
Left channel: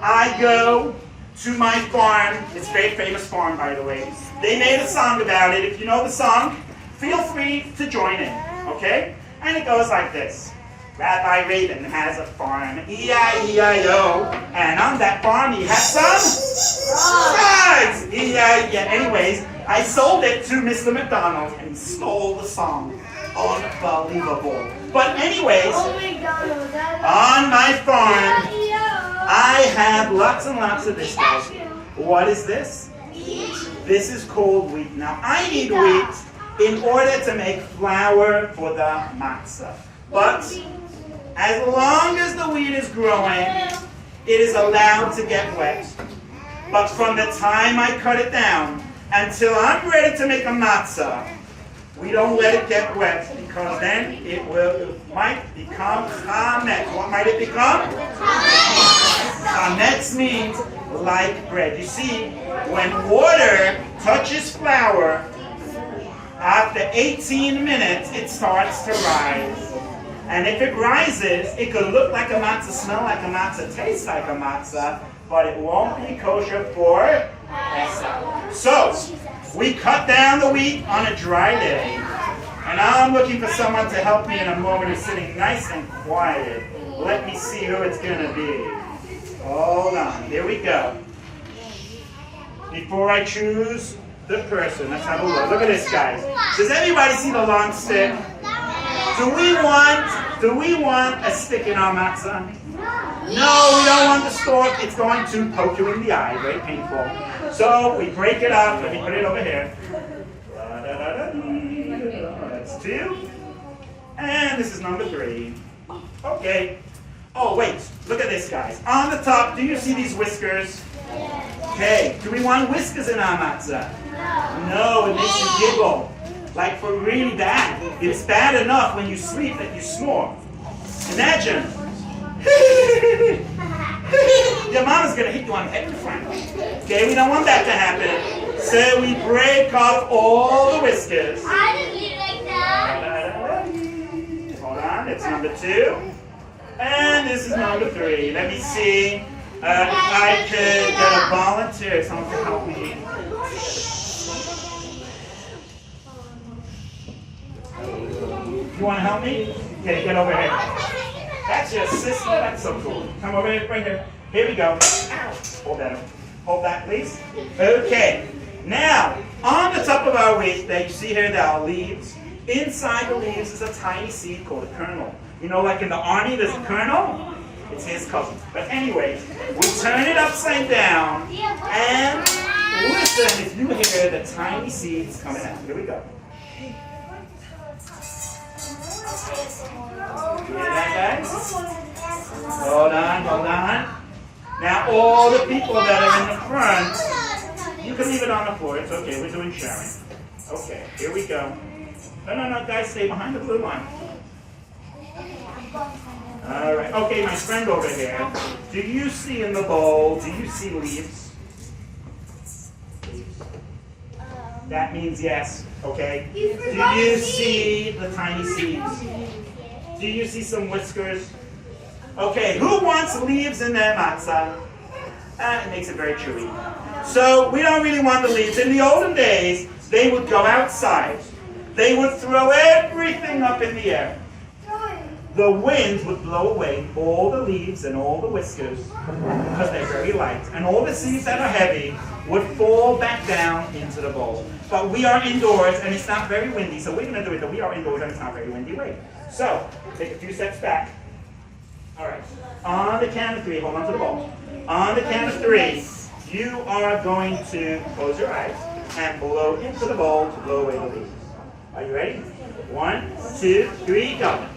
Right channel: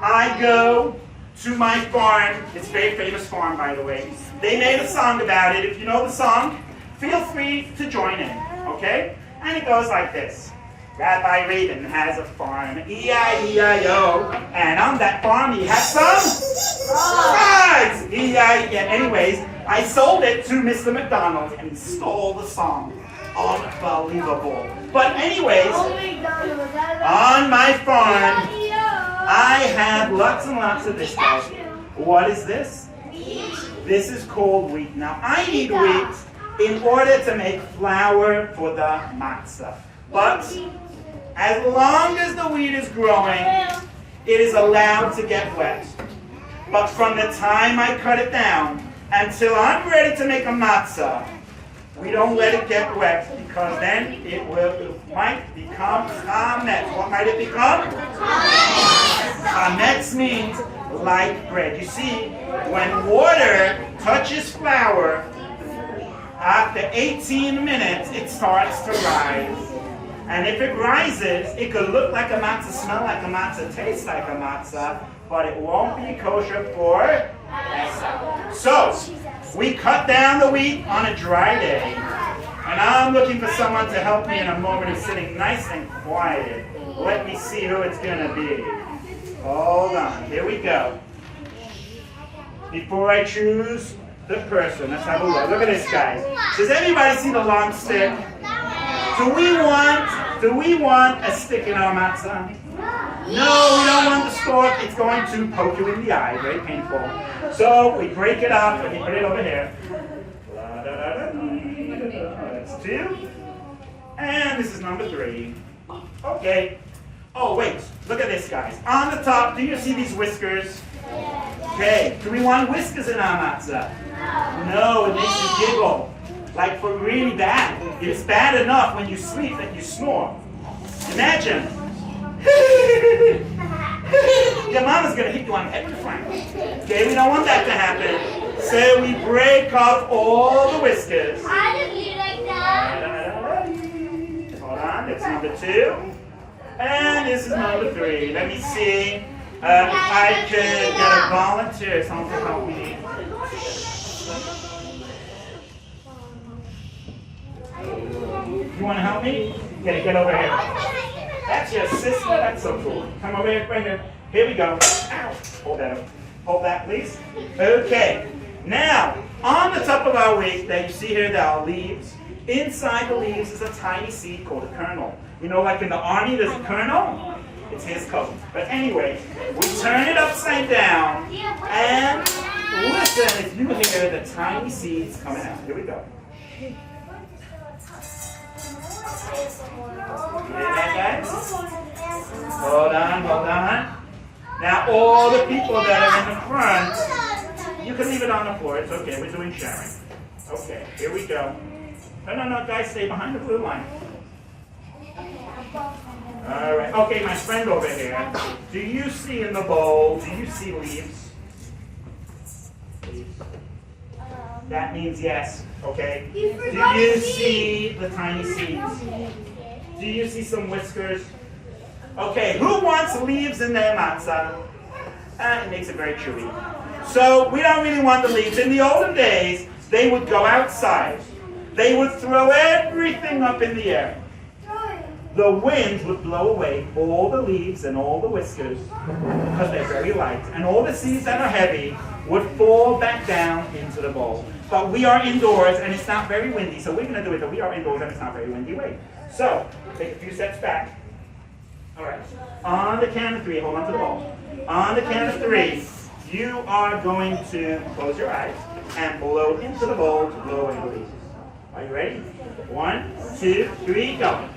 I go to my farm. It's a very famous farm, by the way. They made a song about it. If you know the song, feel free to join in, okay? And it goes like this. Rabbi Rabin has a farm, E-I-E-I-O, and on that farm he has some frogs, E-I-E-I-O. Anyways, I sold it to Mr. McDonald, and he stole the song. Unbelievable. But anyways, on my farm, I have lots and lots of this stuff. What is this? This is called wheat. Now, I need wheat in order to make flour for the matzah. But as long as the wheat is growing, it is allowed to get wet. But from the time I cut it down until I'm ready to make a matzah, we don't let it get wet, because then it might become chametz. What might it become? Chametz means like bread. You see, when water touches flour, after 18 minutes, it starts to rise. And if it rises, it could look like a matzah, smell like a matzah, taste like a matzah, but it won't be kosher for Pesach. So, we cut down the wheat on a dry day. And I'm looking for someone to help me in a moment who's sitting nice and quiet. Let me see who it's going to be. Hold on. Here we go. Before I choose the person, let's have a look. Look at this, guys. Does anybody see the long stick? Do we want a stick in our matzah? No, we don't want the stalk. It's going to poke you in the eye. Very painful. So we break it up. Let me put it over here. That's 2. And this is number 3. Okay. Oh, wait. Look at this, guys. On the top, do you see these whiskers? Okay. Do we want whiskers in our matzah? No, it makes you giggle. Like for really bad. It's bad enough when you sleep that you snore. Imagine. Your mama's going to hit you on the head in front. Okay, we don't want that to happen. So we break off all the whiskers. I didn't eat like that. Hold on, it's number 2. And this is number 3. Let me see if I could get a volunteer, someone to help me. You want to help me? Okay, get over here. That's your sister. That's so cool. Come over here, right here. Here we go. Ow. Hold that up. Hold that, please. Okay. Now, on the top of our wheat, that you see here, there are leaves. Inside the leaves is a tiny seed called a kernel. You know, like in the army, there's a kernel? It's his cousin. But anyway, we turn it upside down, and listen, if you hear the tiny seeds coming out. Here we go. Hear that, guys? Hold on. Now, all the people that are in the front, you can leave it on the floor. It's okay. We're doing sharing. Okay, here we go. No, guys, stay behind the blue line. All right. Okay, my friend over here. Do you see in the bowl, do you see leaves? Leaves. That means yes, okay? Do you see the tiny seeds? Do you see some whiskers? Okay, who wants leaves in their matzah? It makes it very chewy. So we don't really want the leaves. In the olden days, they would go outside. They would throw everything up in the air. The wind would blow away all the leaves and all the whiskers because they're very light. And all the seeds that are heavy would fall back down into the bowl. But we are indoors and it's not very windy, so we're going to do it that we are indoors and it's not very windy. Wait. So, take a few steps back. All right. On the count of 3, hold on to the bowl. On the count of 3, you are going to close your eyes and blow into the bowl to blow away the leaves. Are you ready? 1, 2, 3, go.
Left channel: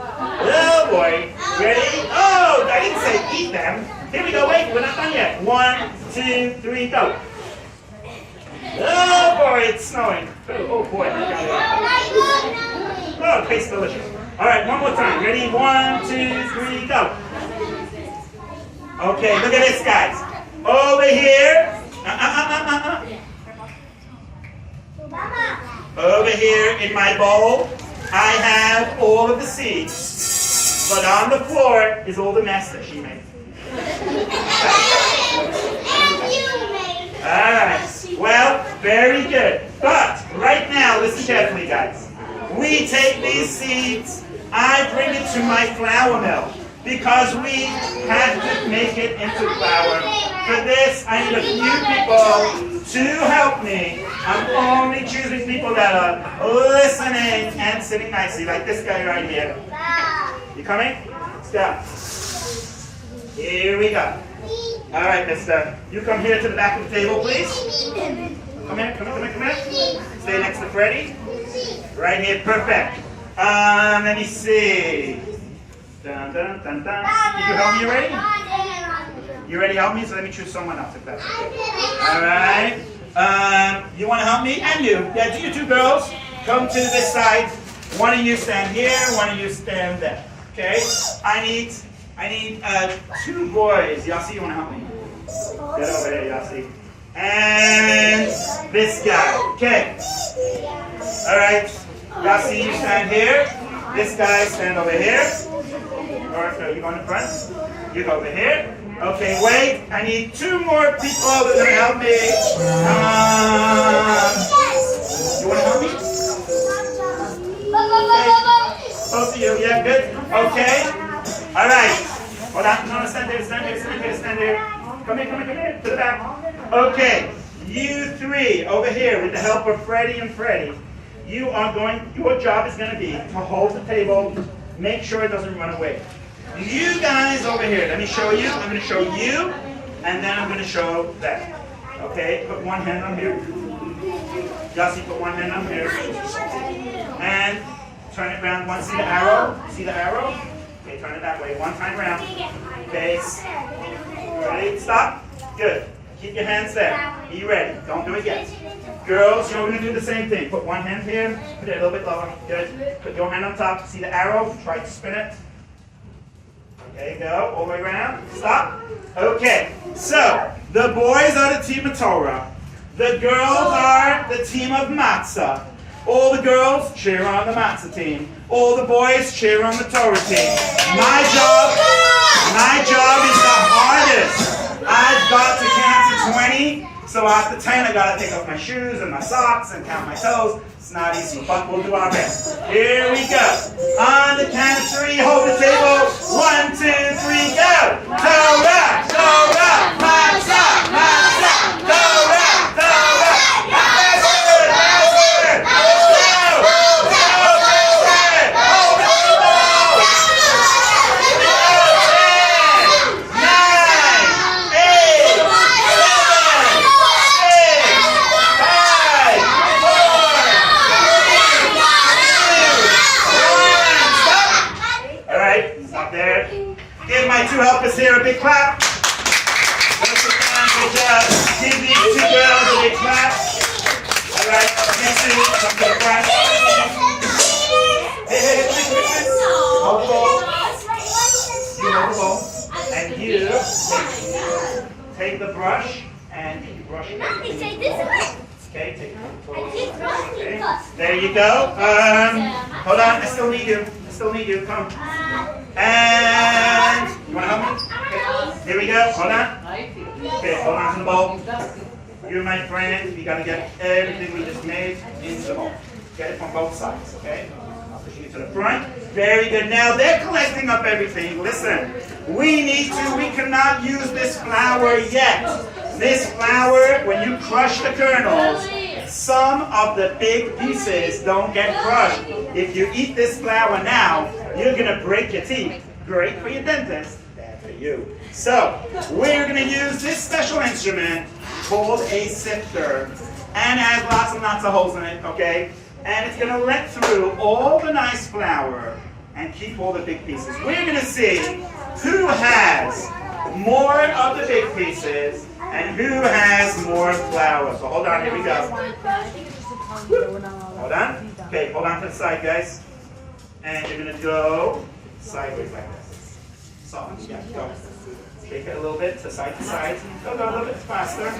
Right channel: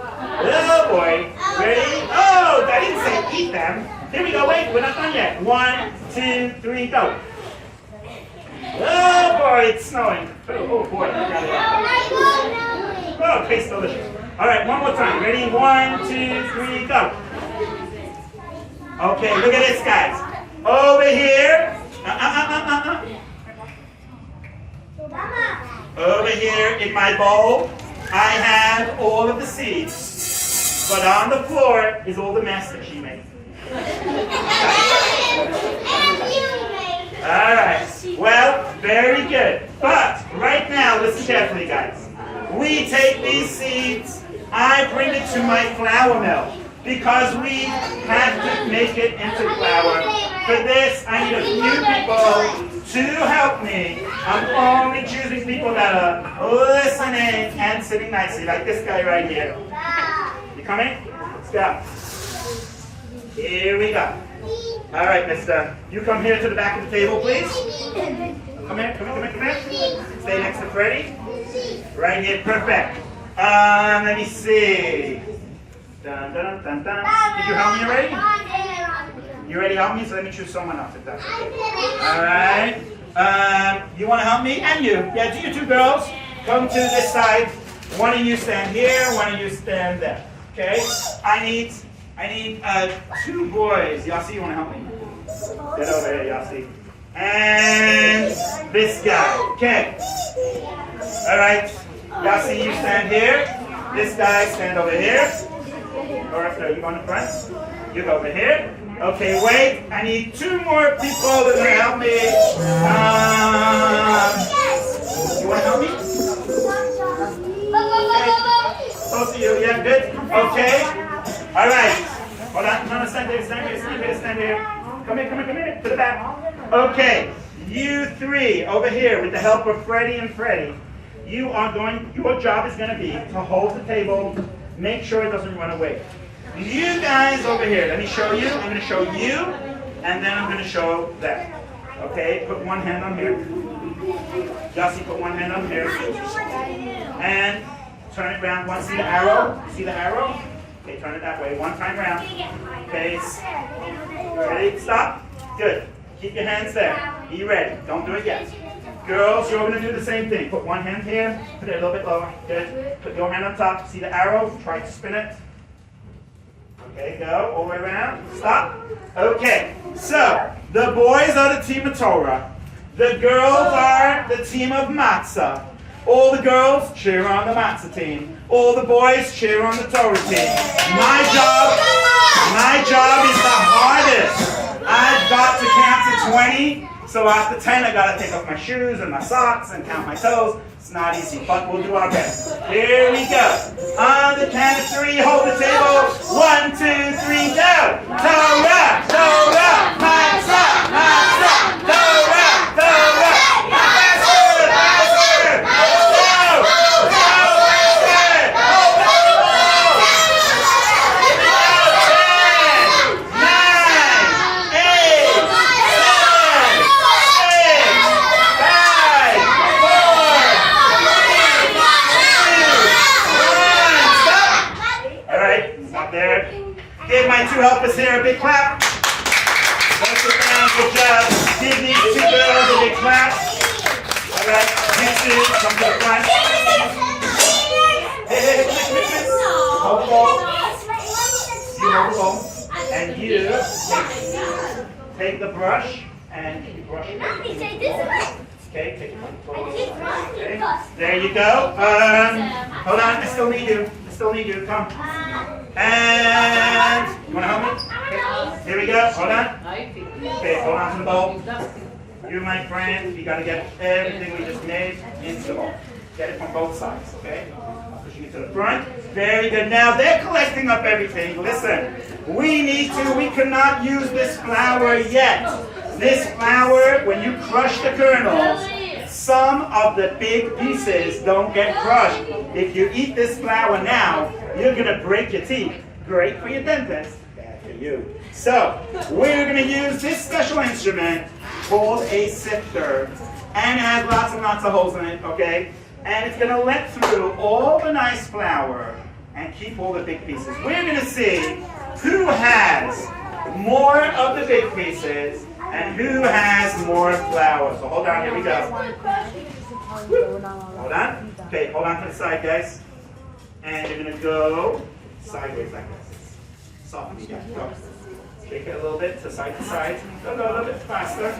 Oh boy. Ready? Oh, I didn't say eat them. Here we go. Wait, we're not done yet. 1, 2, 3, go. Oh boy, it's snowing. Oh boy. Oh, it tastes delicious. All right, one more time. Ready? 1, 2, 3, go. Okay, look at this, guys. Over here. Over here in my bowl, I have all of the seeds. But on the floor is all the mess that she made. All right. Well, very good. But right now, listen carefully, guys. We take these seeds, I bring it to my flour mill because we have to make it into flour. For this, I need a few people to help me. I'm only choosing people that are listening and sitting nicely, like this guy right here. You coming? Let's go. Here we go. All right, mister. You come here to the back of the table, please. Come here, come here, come here, come here. Stay next to Freddie. Right here, perfect. Let me see. Dun, dun, dun, dun. Did you help me already? You ready to help me? So let me choose someone else if that's okay. All right. You want to help me? And you. Yeah, do you two girls come to this side. One of you stand here, one of you stand there. Okay? I need two boys. Yossi, you want to help me? Get over here, Yossi. And this guy. Okay. All right. Yossi, you stand here. This guy stand over here. All right, no, you go in the front. You go over here. Okay, wait. I need two more people that are going to help me. You want to help me? Both of you, yeah, good. Okay. All right. Hold on. No, stand there, stand there, stand there, stand there. Come here, come here, come here. To the back. Okay. You three over here with the help of Freddie and Freddie. You are going, your job is going to be to hold the table, make sure it doesn't run away. You guys over here, let me show you. I'm going to show you, and then I'm going to show them. Okay, put one hand on here. Yossi, put one hand on here. And turn it around. One, see the arrow? See the arrow? Okay, turn it that way. One time around. Okay, ready? Stop. Good. Keep your hands there. Be ready. Don't do it yet. Girls, you're going to do the same thing. Put one hand here. Put it a little bit lower. Good. Put your hand on top. See the arrow? Try to spin it. Okay, go. All the way around. Stop. Okay. So, the boys are the team of Torah. The girls are the team of Matzah. All the girls cheer on the Matzah team. All the boys cheer on the Torah team. My job is the hardest. I've got to count to 20. So after 10, I gotta take off my shoes and my socks and count my toes. It's not easy, but we'll do our best. Here we go. On the count of 3, hold the table. 1, 2, 3, go. Torah, Torah, Matzah, Matzah, Torah, Torah, Passover, Passover. Go, go, Passover. Hold the table. 10, 9, 8, 7, there. Give my two helpers here a big clap. Go sit down, good job. Give these two girls a big clap. All right, you two, come to the front. Hey, hold the ball. You hold the ball. And you take the brush and brush it. Okay, take it. Okay. There you go. Hold on, I still need you. Come. And you want to help me? Okay. Here we go. Hold on. Okay, hold on to the bowl. You, my friend, you got to get everything we just made into the bowl. Get it from both sides, okay? I'll push you to the front. Very good. Now they're collecting up everything. Listen, we cannot use this flour yet. This flour, when you crush the kernels, some of the big pieces don't get crushed. If you eat this flour now, you're going to break your teeth. Great for your dentist, bad for you. So, we're going to use this special instrument called a sifter. And it has lots of nuts and holes in it, okay? And it's going to let through all the nice flour and keep all the big pieces. We're going to see who has more of the big pieces and who has more flour. So hold on, here we go. Hold on. Okay, hold on to the side, guys. And you're going to go sideways like this. Softly, yeah, go. Shake it a little bit to side. Go a little bit faster.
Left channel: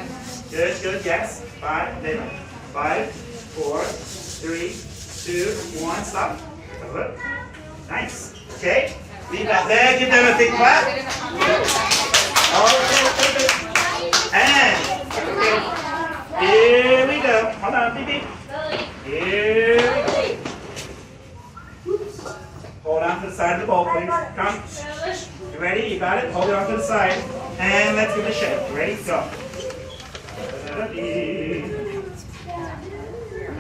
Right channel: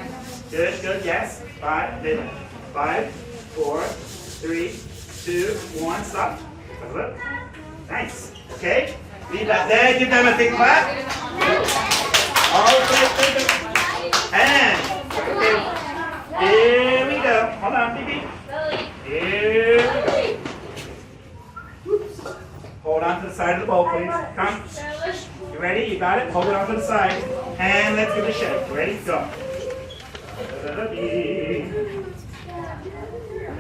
Good, yes. 5, 4, 3, 2, 1, stop. Nice. Okay. Leave that there. Give them a big clap. Okay. And okay. Here we go. Hold on, baby. Here we go. Hold on to the side of the bowl, please. Come. You ready? You got it? Hold it on to the side. And let's give it a shake. You ready? Go. Okay, let's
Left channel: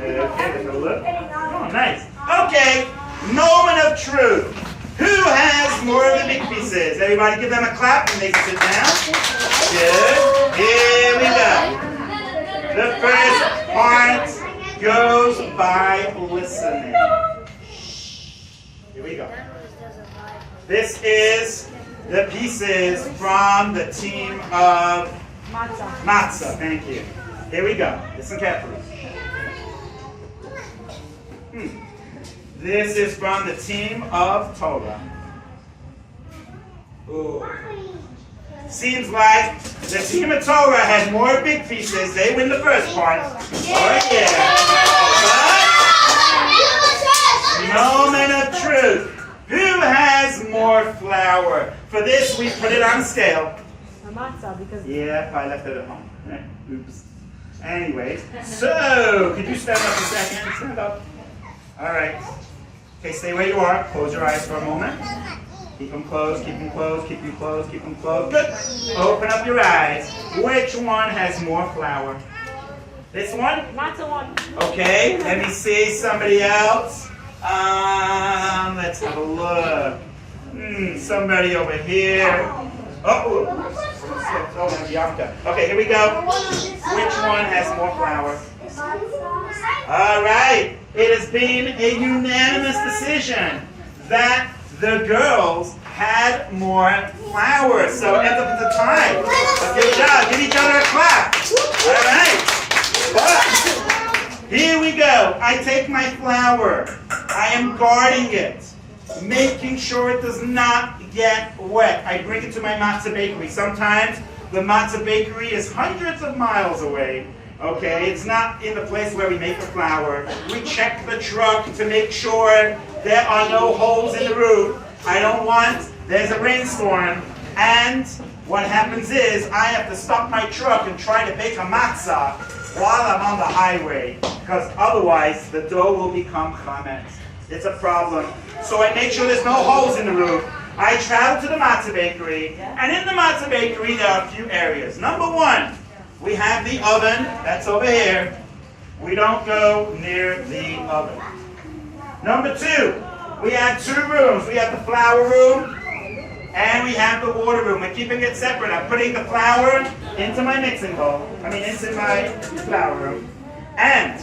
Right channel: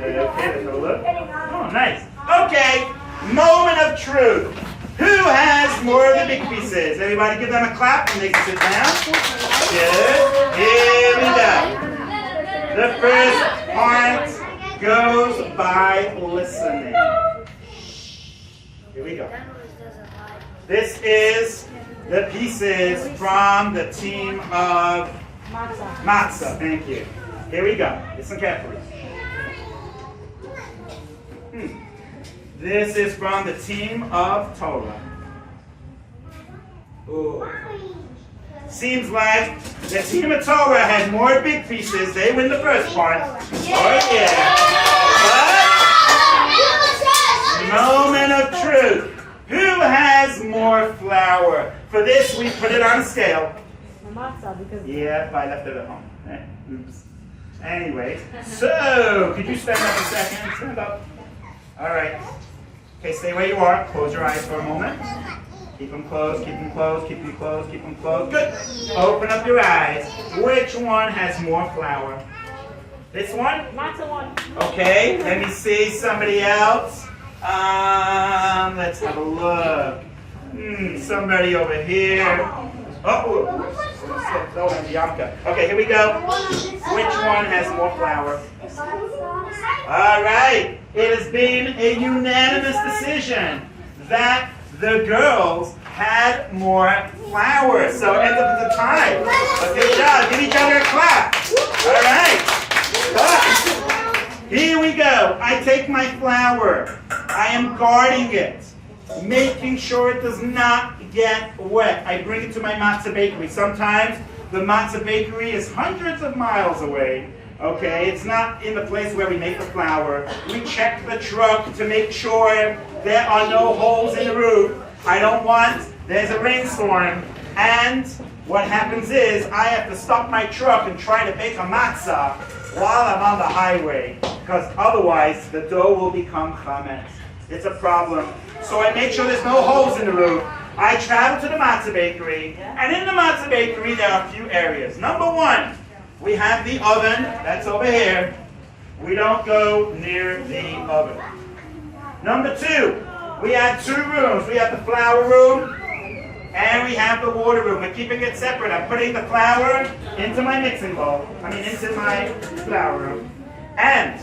have a look. Oh, nice. Okay, moment of truth. Who has more of the big pieces? Everybody give them a clap and they can sit down. Good. Here we go. The first part goes by listening. Here we go. This is the pieces from the team of Matzah. Thank you. Here we go. Listen carefully. This is from the team of Torah. Ooh. Seems like the team of Torah has more big pieces. They win the first part. Oh yeah. But moment of truth. Who has more flour? For this, we put it on a scale. Matzah, because yeah, I left it at home. Oops. Anyway, so could you stand up a second? Stand up. All right. Okay, stay where you are. Close your eyes for a moment. Keep them closed, keep them closed, keep them closed, keep them closed. Good. Open up your eyes. Which one has more flour? This one? Matzah one. Okay, let me see somebody else. Let's have a look. Somebody over here. Okay, here we go. Which one has more flour? All right. It has been a unanimous decision that the girls had more flour. So it ends up at the tie. Good job. Give each other a clap. All right. But here we go. I take my flour. I am guarding it, making sure it does not get wet. I bring it to my Matzah Bakery. Sometimes the Matzah Bakery is hundreds of miles away. Okay, it's not in the place where we make the flour. We check the truck to make sure there are no holes in the roof. I don't want, there's a rainstorm, and what happens is I have to stop my truck and try to bake a matzah while I'm on the highway, because otherwise the dough will become chametz. It's a problem. So I make sure there's no holes in the roof. I travel to the Matzah Bakery, and in the Matzah Bakery there are a few areas. Number one, we have the oven, that's over here. We don't go near the oven. Number two, we have two rooms. We have the flour room, and we have the water room. We're keeping it separate. I'm putting the flour into my mixing bowl. Into my flour room. And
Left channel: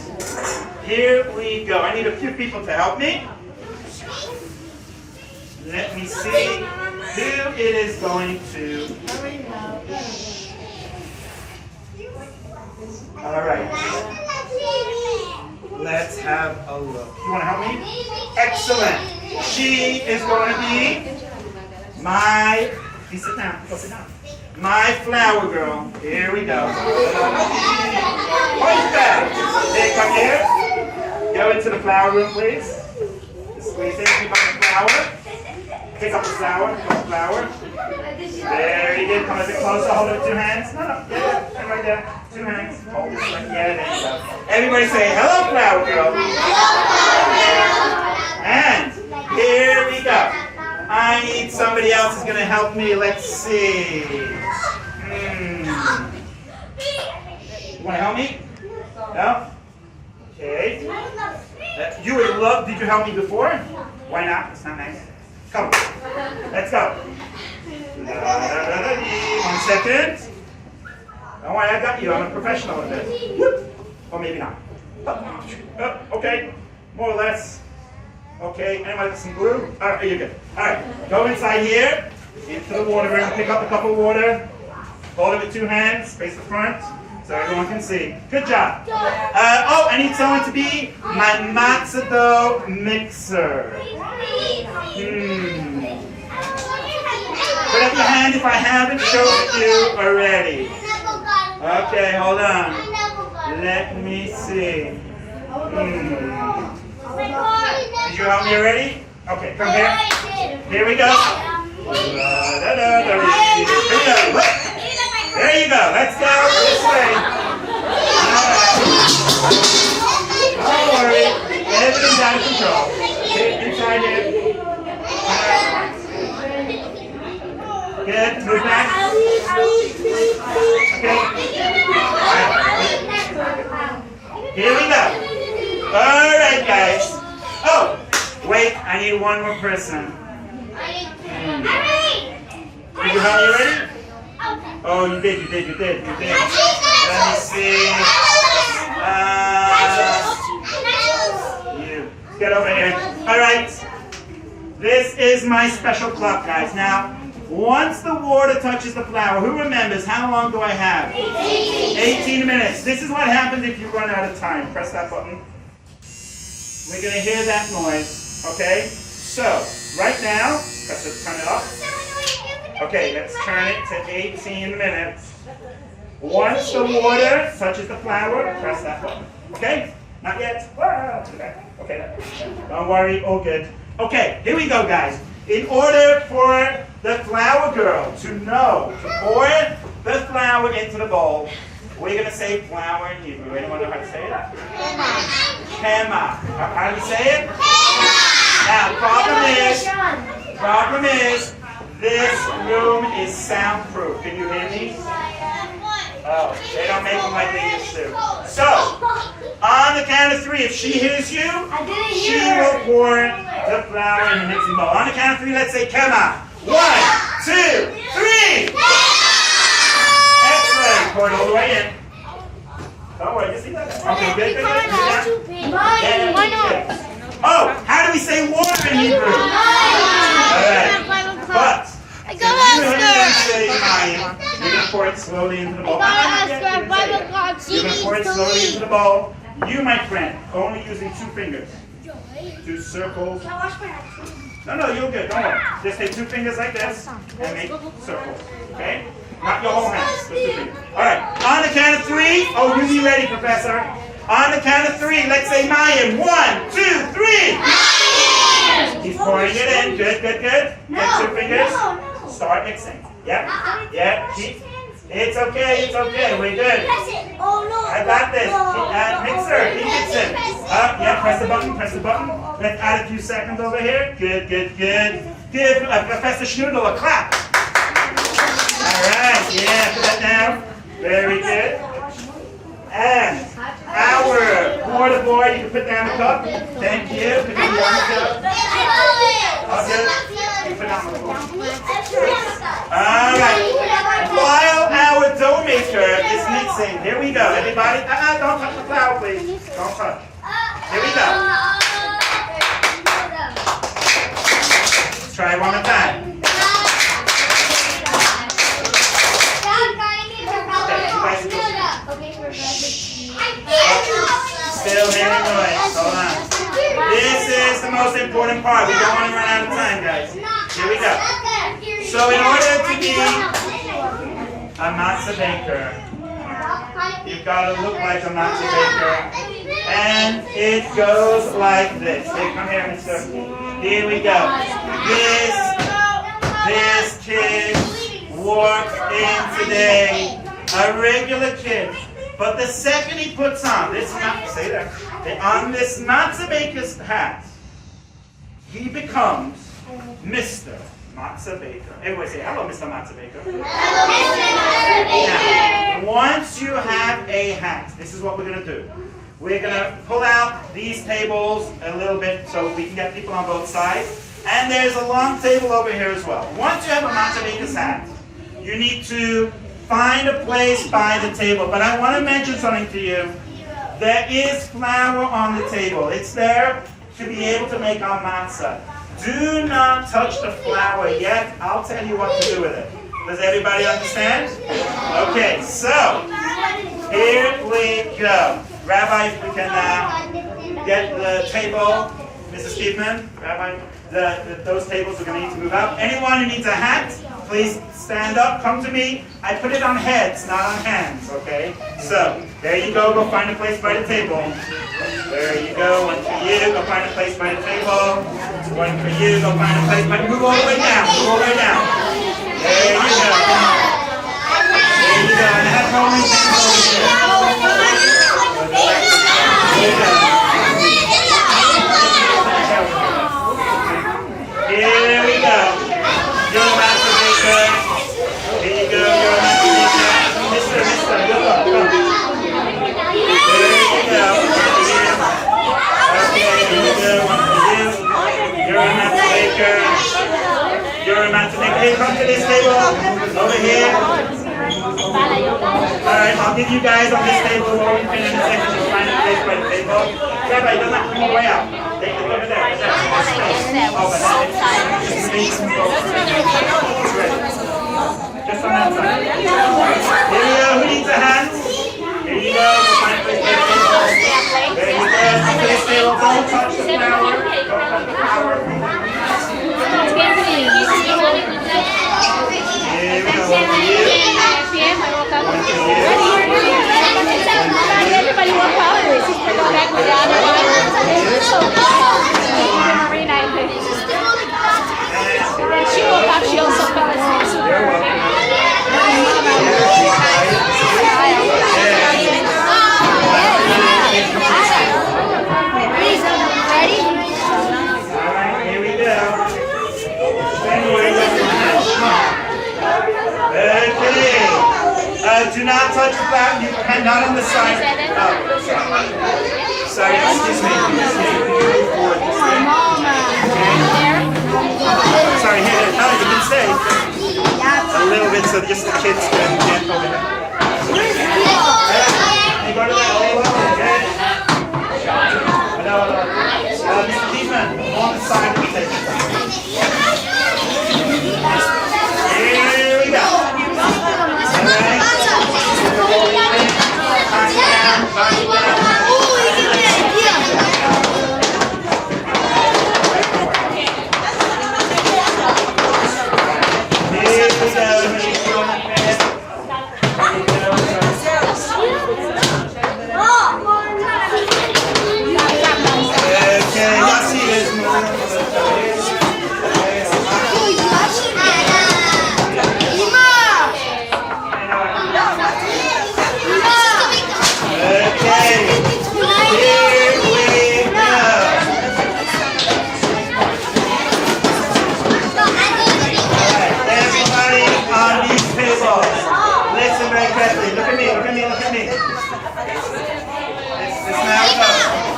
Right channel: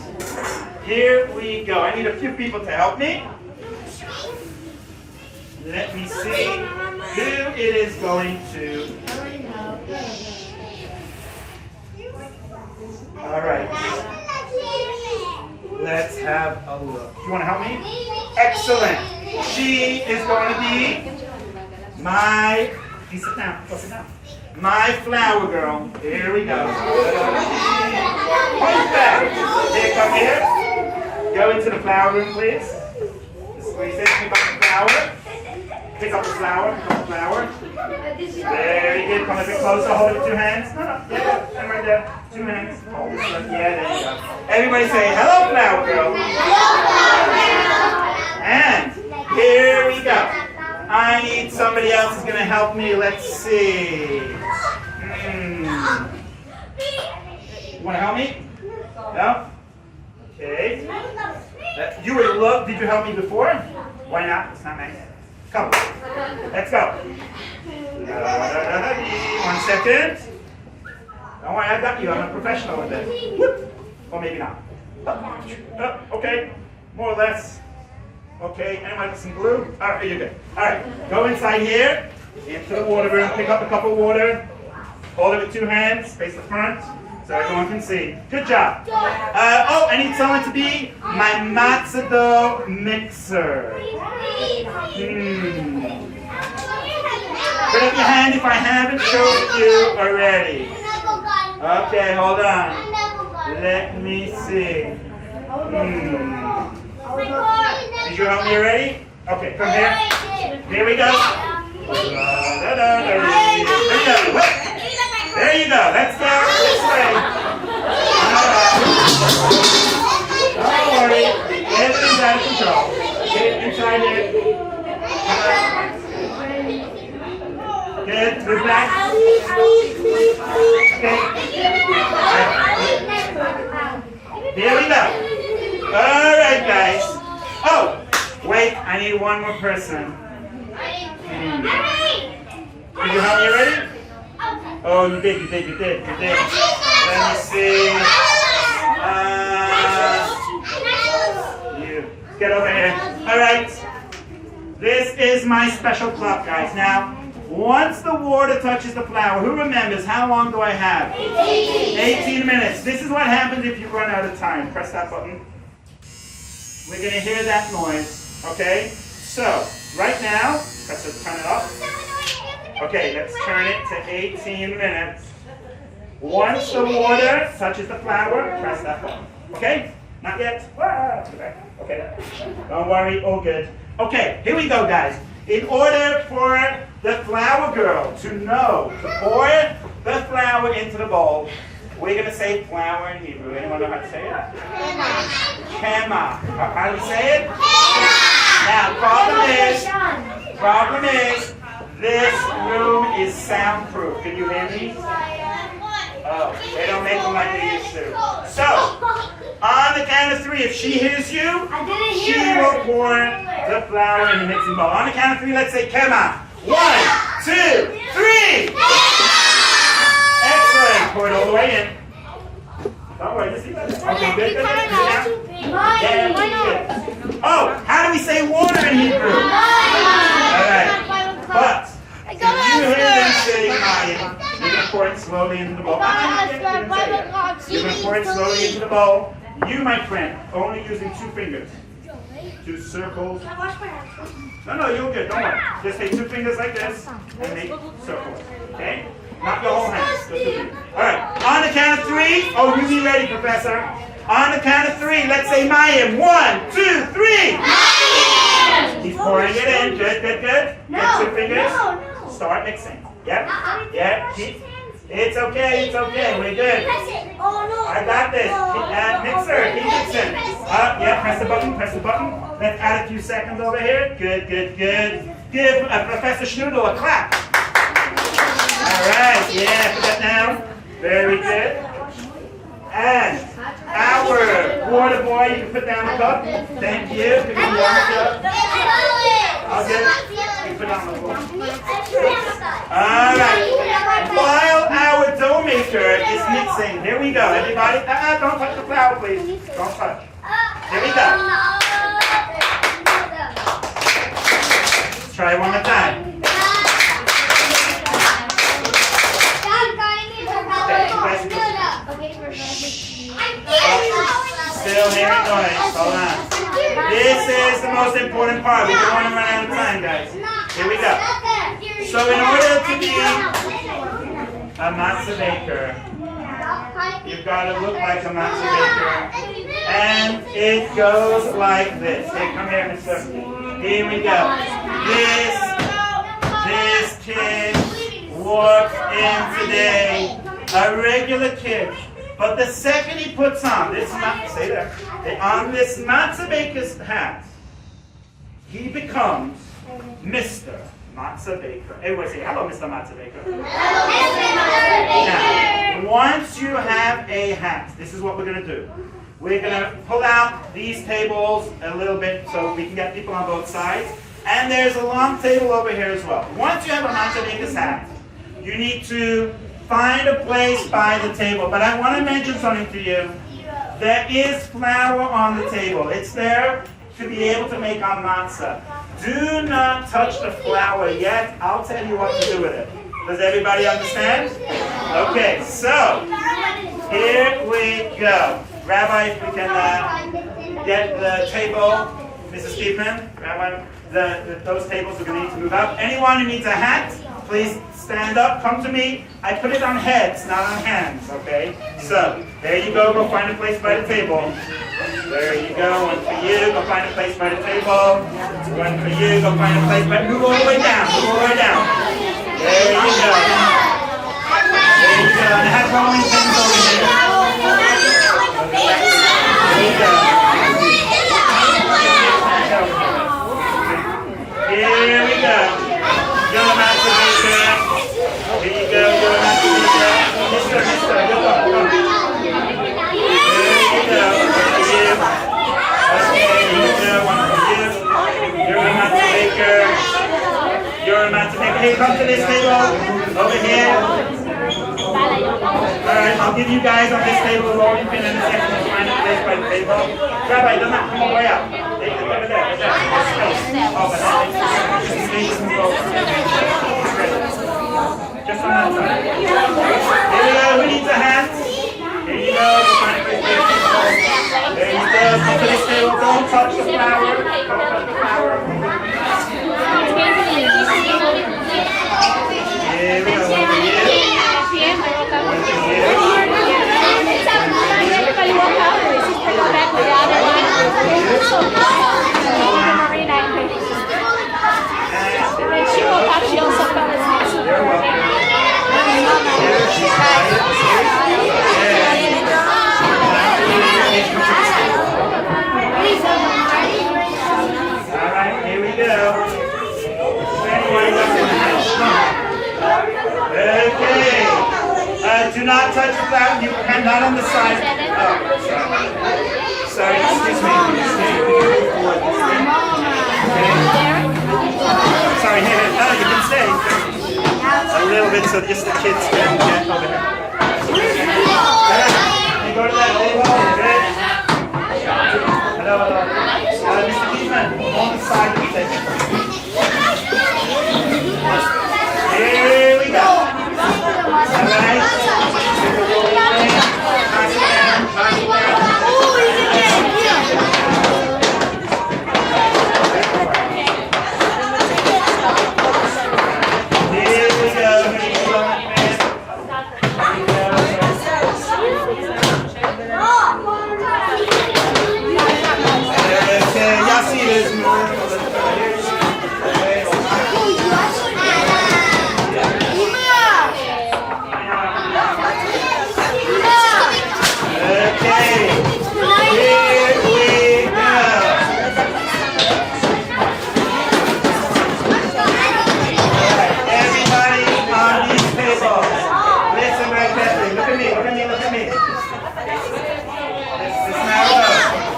here we go. I need a few people to help me. Let me see who it is going to. All right. Let's have a look. You want to help me? Excellent. She is going to be my. Please sit down. Go sit down. My flour girl. Here we go. Point back. Here, come here. Go into the flour room, please. Just squeeze it. Pick up the flour. Pick up the flour. Pick up the flour. Very good. Come a bit closer. Hold it with 2 hands. No. Yeah. Right there. 2 hands. Hold it. Yeah, there you go. Everybody say, hello, flour girl. And here we go. I need somebody else who's going to help me. Let's see. You want to help me? No? Okay. You would love, did you help me before? Why not? It's not nice. Come. Let's go. 1 second. Don't worry, I got you. I'm a professional at this. Or maybe not. Okay. More or less. Okay, anyone with some glue? All right, you're good. All right, go inside here, into the water room, pick up a cup of water, hold it with 2 hands, face the front, so everyone can see. Good job. I need someone to be my matzah dough mixer. Put up your hand if I haven't showed you already. Okay, hold on. Let me see. Did you help me already? Okay, come here. Here we go. There you go. Let's go this way. Don't worry. Everything's out of control. Get inside here. Good. Move back. Okay. Here we go. All right, guys. Oh, wait. I need one more person. Did you help me already? Oh, you did. Let me see. You. Get over here. All right. This is my special clock, guys. Now, once the water touches the flour, who remembers how long do I have? 18 minutes. This is what happens if you run out of time. Press that button. We're going to hear that noise. Okay? So, right now, let's turn it off. Okay, let's turn it to 18 minutes. Once the water touches the flour, press that button. Okay? Not yet. Okay. Don't worry. All good. Okay, here we go, guys. In order for the flour girl to know to pour the flour into the bowl, we're going to say flour in Hebrew. Anyone know how to say it? Kema. How do you say it? Now, problem is, this room is soundproof. Can you hear me? Oh, they don't make them like they used to. So, on the count of 3, if she hears you, she will pour the flour in the mixing bowl. On the count of 3, let's say Kema. 1, 2, 3. Excellent. Pour it all the way in. Don't worry, just leave that there. Okay, good. Oh, how do we say water in Hebrew? Alright. But, if you hear them say mayim, you're going to pour it slowly into the bowl. You're going to pour it slowly into the bowl. You, my friend, only using 2 fingers. 2 circles. No, you're good. Don't worry. Just take 2 fingers like this and make circles. Okay? Not your whole hands. Just 2 fingers. All right. On the count of 3. Oh, you be ready, Professor. On the count of 3, let's say mayim. 1, 2, 3. He's pouring it in. Good. Get 2 fingers. Start mixing. Yep. It's okay. We're good. I got this. Mixer. Keep mixing. Press the button. Let's add a few seconds over here. Good. Give Professor Schnoodle a clap. All right. Put that down. Very good. And our water boy, you can put down the cup. Thank you. Put down the cup. Okay. You put down the cup. All right. While our dough maker is mixing, here we go. Everybody, don't touch the flour, please. Don't touch. Here we go. Let's try it one more time. Still hearing noise. Hold on. This is the most important part. We don't want to run out of time, guys. Here we go. So in order to be a matzah baker, you've got to look like a matzah baker. And it goes like this. Here, come here, mister. Here we go. This kid walked in today. A regular kid. But the second he puts on this matzah baker's hat, he becomes Mr. Matzah Baker. Everybody say, hello, Mr. Matzah Baker. Now, once you have a hat, this is what we're going to do. We're going to pull out these tables a little bit so we can get people on both sides. And there's a long table over here as well. Once you have a Matzah Baker's hat, you need to find a place by the table. But I want to mention something to you. There is flour on the table. It's there to be able to make our matzah. Do not touch the flour yet. I'll tell you what to do with it. Does everybody understand? Okay, so here we go. Rabbi, if we can get the table. Mrs. Steedman, Rabbi, those tables are going to need to move up. Anyone who needs a hat, Please stand up, come to me. I put it on heads, not on hands, okay? So, there you go find a place by the table. There you go, one for you, go find a place by the table. One for you, go find a place by the, move all the way down, move all the way down. There you go. There you go, and I have rolling pins over here. There you go. Here we go. You're a Matzah Baker. Here you go, you're a Matzah Baker. Mister, good luck, come. There you go, one for you. Okay, here you go, one for you. You're a Matzah Baker. You're a Matzah Baker. Hey, come to this table. Over here. Alright, I'll give you guys on this table a rolling pin in a second to find a place by the table. Rabbi, don't not come all the way out. Take it over there. Just on that side. Here you go. Who needs a hand? Here you go. We'll find a place by the table. There you go. Come to this table. Don't touch the flour. Don't touch the flour. Here we go. One for you. Everybody walk out. My sister go back with the other one. So Marina and then she woke up. She also fell asleep super early. Alright, here we go. Okay. Do not touch the flour. You can not on the side. Sorry, excuse me. Can you move forward this way? Okay. Sorry, here. No, you can stay. A little bit so just the kids can over there. You go to that table. Good. Hello. Mr. Keithman, on the side of the table. Here we go. Alright.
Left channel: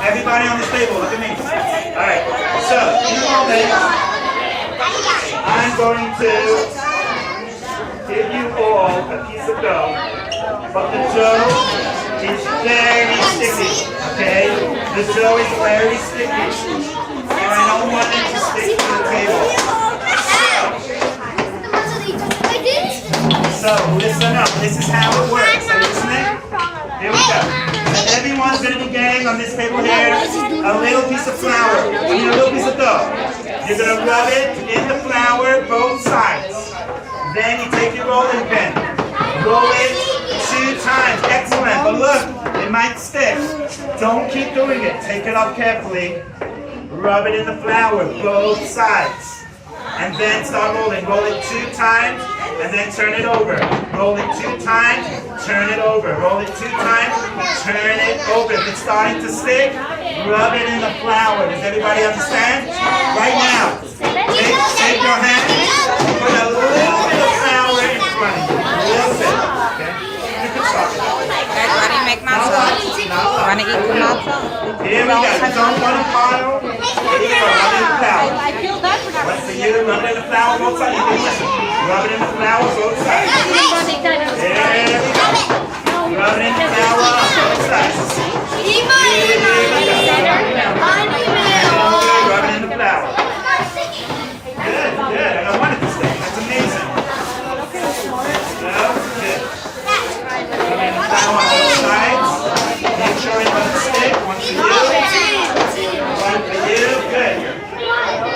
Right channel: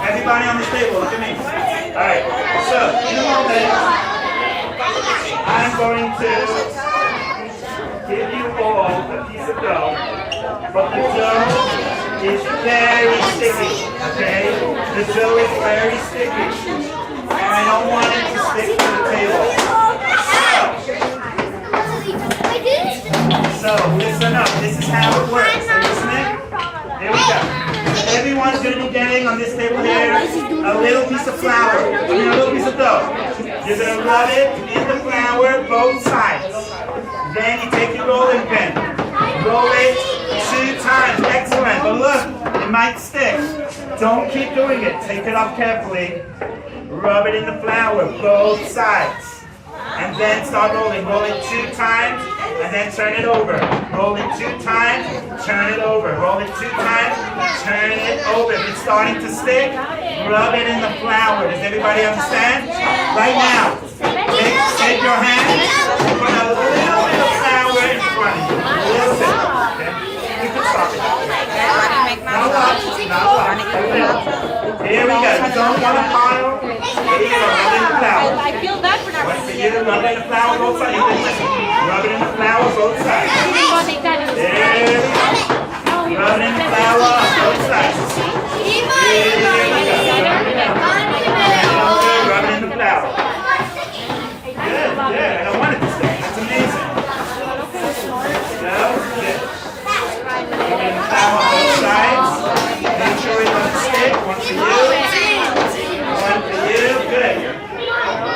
Everybody on this table, look at me. Alright, so you know that I'm going to give you all a piece of dough, but the dough is very sticky, okay? The dough is very sticky, and I don't want it to stick to the table. So listen up, this is how it works. Are you listening? Here we go. Everyone's going to be getting on this table here a little piece of flour, a little piece of dough. You're going to rub it in the flour both sides. Then you take your rolling pin. Roll it 2 times. Excellent. But look, it might stick. Don't keep doing it. Take it up carefully. Rub it in the flour both sides. And then start rolling. Roll it 2 times. And then turn it over. Roll it 2 times, turn it over. Roll it 2 times, turn it over. If it's starting to stick, rub it in the flour. Does everybody understand? Right now, take your hand and put a little bit of flour in front of you. A little bit. Okay? You can stop it. Now what? Here we go. Don't want a pile. Here you go. Rub it in the flour. I feel bad for not One for you. Rub it in the flour both sides. You can listen. Rub it in the flour both sides. There we go. Rub it in the flour on both sides. Here we go. Rub it in the flour. Good, good. I don't want it to stick. That's amazing. No, good. Rub it in the flour on both sides. Make sure it doesn't stick. One for you. One for you. Good.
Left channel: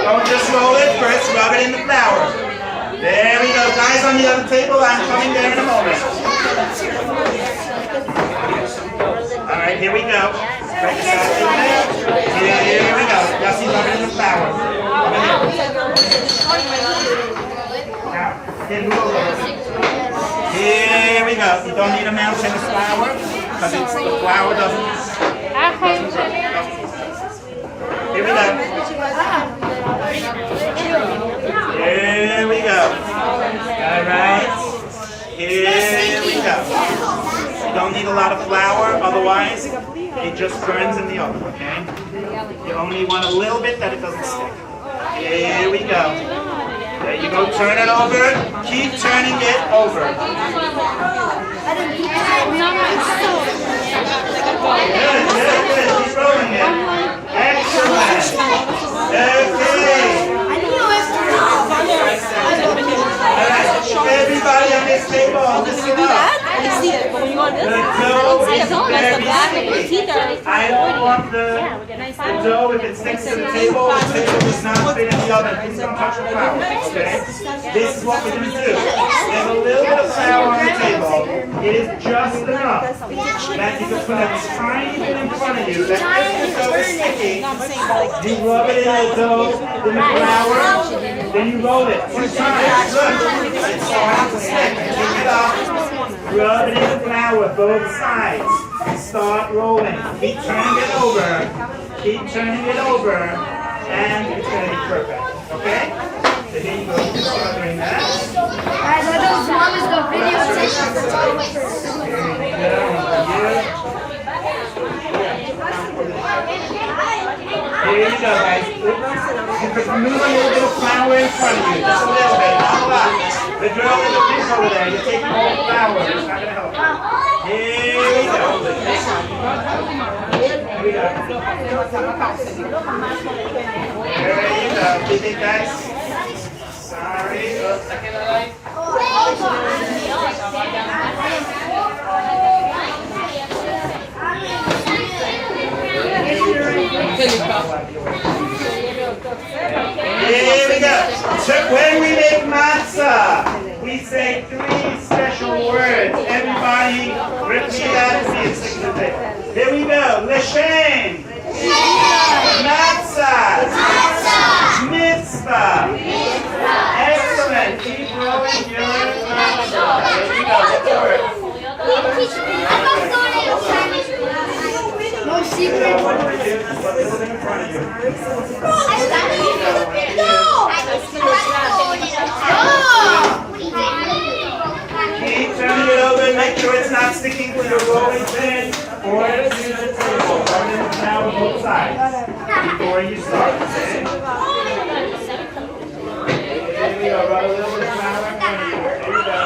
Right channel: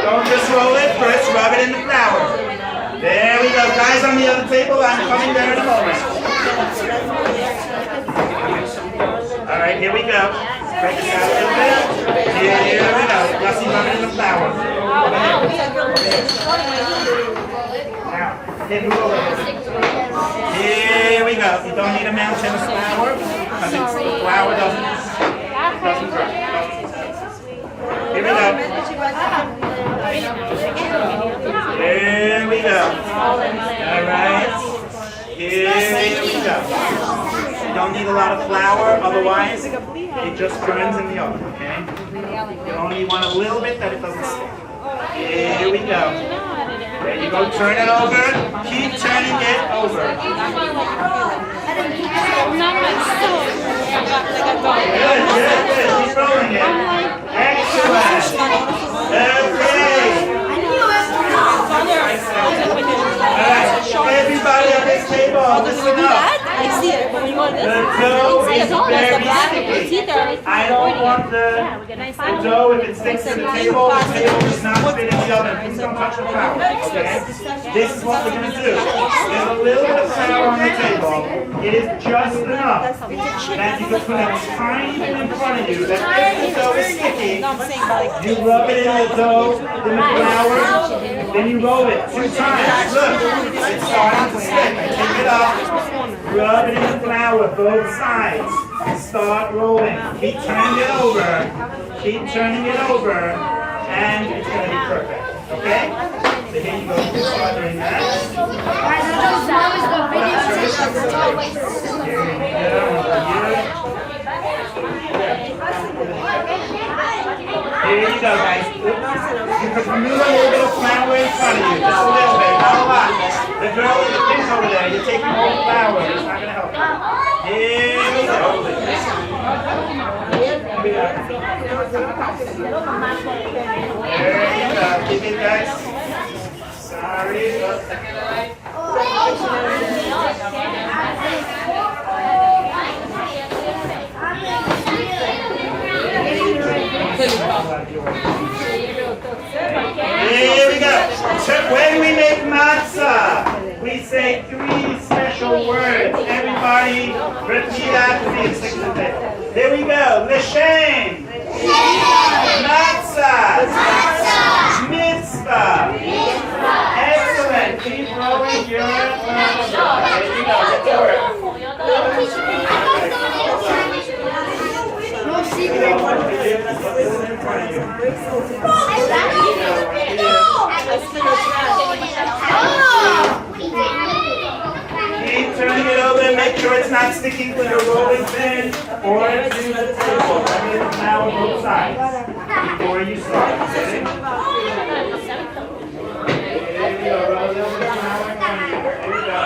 Don't just roll it. First, rub it in the flour. There we go. Guys on the other table, I'm coming there in a moment. All right, here we go. Spread this out a little bit. Here we go. Y'all see rubbing in the flour. Now, here, move over a little bit. Here we go. You don't need a mountain of flour because the flour doesn't work. Here we go. Here we go. All right. Here we go. You don't need a lot of flour, otherwise it just burns in the oven, okay? You only want a little bit that it doesn't stick. Here we go. There you go. Turn it over. Keep turning it over. Good. Keep rolling it. Excellent. Okay. Everybody on this table, listen up. I see it, but when you go to this, The dough is very sticky. I don't want the dough, if it sticks to the table does not fit in the oven. Please don't touch the flour, okay? This is what we're going to do. There's a little bit of flour on the table. It is just enough that you can put a tiny bit in front of you that if the dough is sticky, you rub it in the dough, in the flour, then you roll it 2 times. Look, it's starting to stick. Take it off, rub it in the flour, both sides. Start rolling. Keep turning it over. Keep turning it over, and it's going to be perfect. Okay? So here you go. Start doing that. Here we go. Here you go, guys. You can remove a little bit of flour in front of you. Just a little bit, not a lot. The girl in the fish over there, you're taking more flour. It's not going to help. Here we go. Here we go. There you go. Keep it, guys. Sorry. Here we go. So when we make matzah, we say 3 special words. Everybody repeat after me and stick to the table. Here we go. L'shem. Matzah. Mitzvah. Excellent. Keep rolling. Good. There you go. Get to work. No secret. Keep turning it over and make sure it's not sticking to your rolling pin or to the table. Rub it now on both sides before you start. Okay? There you go. Rub a little bit of flour in front of you. There you go.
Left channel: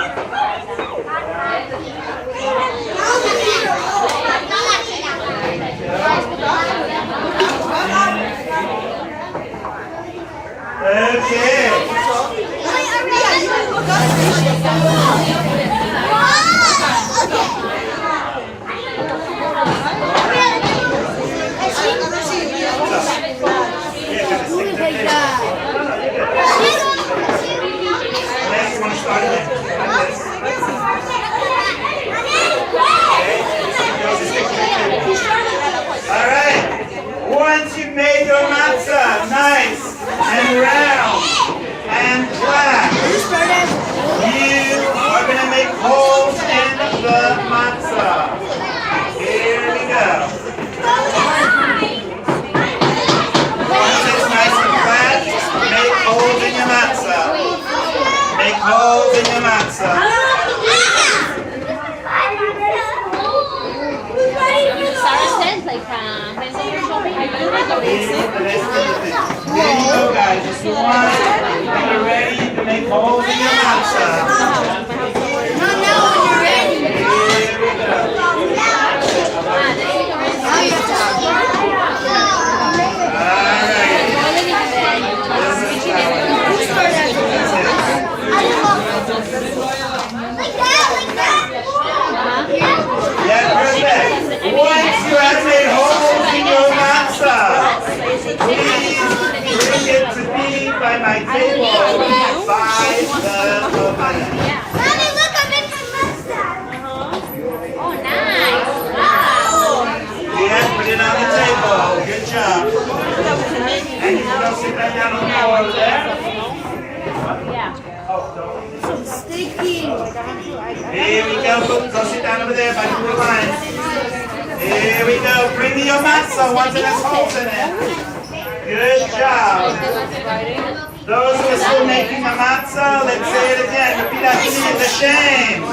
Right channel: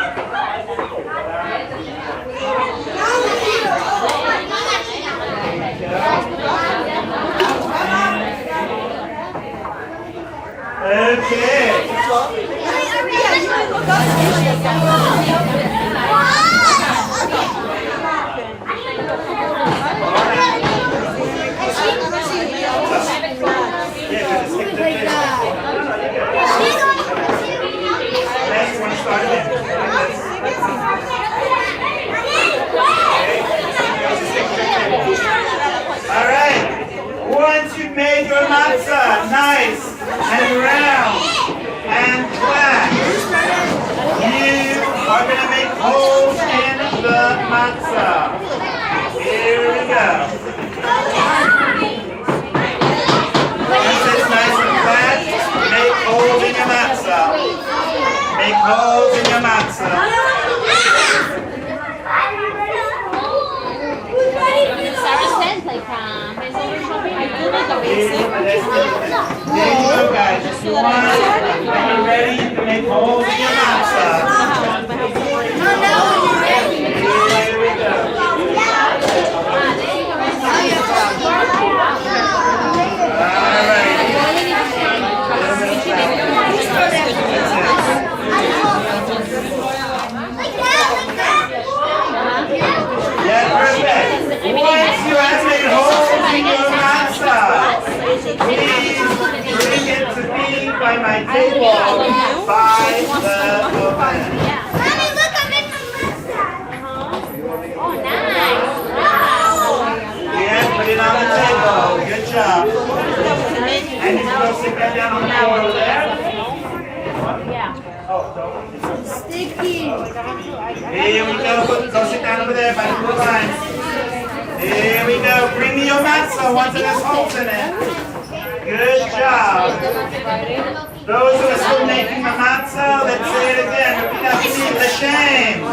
Okay. Next one, start again. All right. Once you've made your matzah nice and round and flat, you are going to make holes in the matzah. Here we go. Once it's nice and flat, make holes in your matzah. Make holes in your matzah. There you go, guys. If you want and you're ready to make holes in your matzah. Here we go. All right. Yeah, perfect. Once you have made holes in your matzah, please Bring it to me by my table by the oven. Mommy, look, I'm in my matzah. Oh, nice. Wow. Yeah, put it on the table. Good job. And you can go sit back down on the floor over there. Yeah. Sticky. Here we go. Go sit down over there by the blue line. Here we go. Bring me your matzah once it has holes in it. Good job. Those who are still making a matzah, let's say it again. Repeat after me. The shame.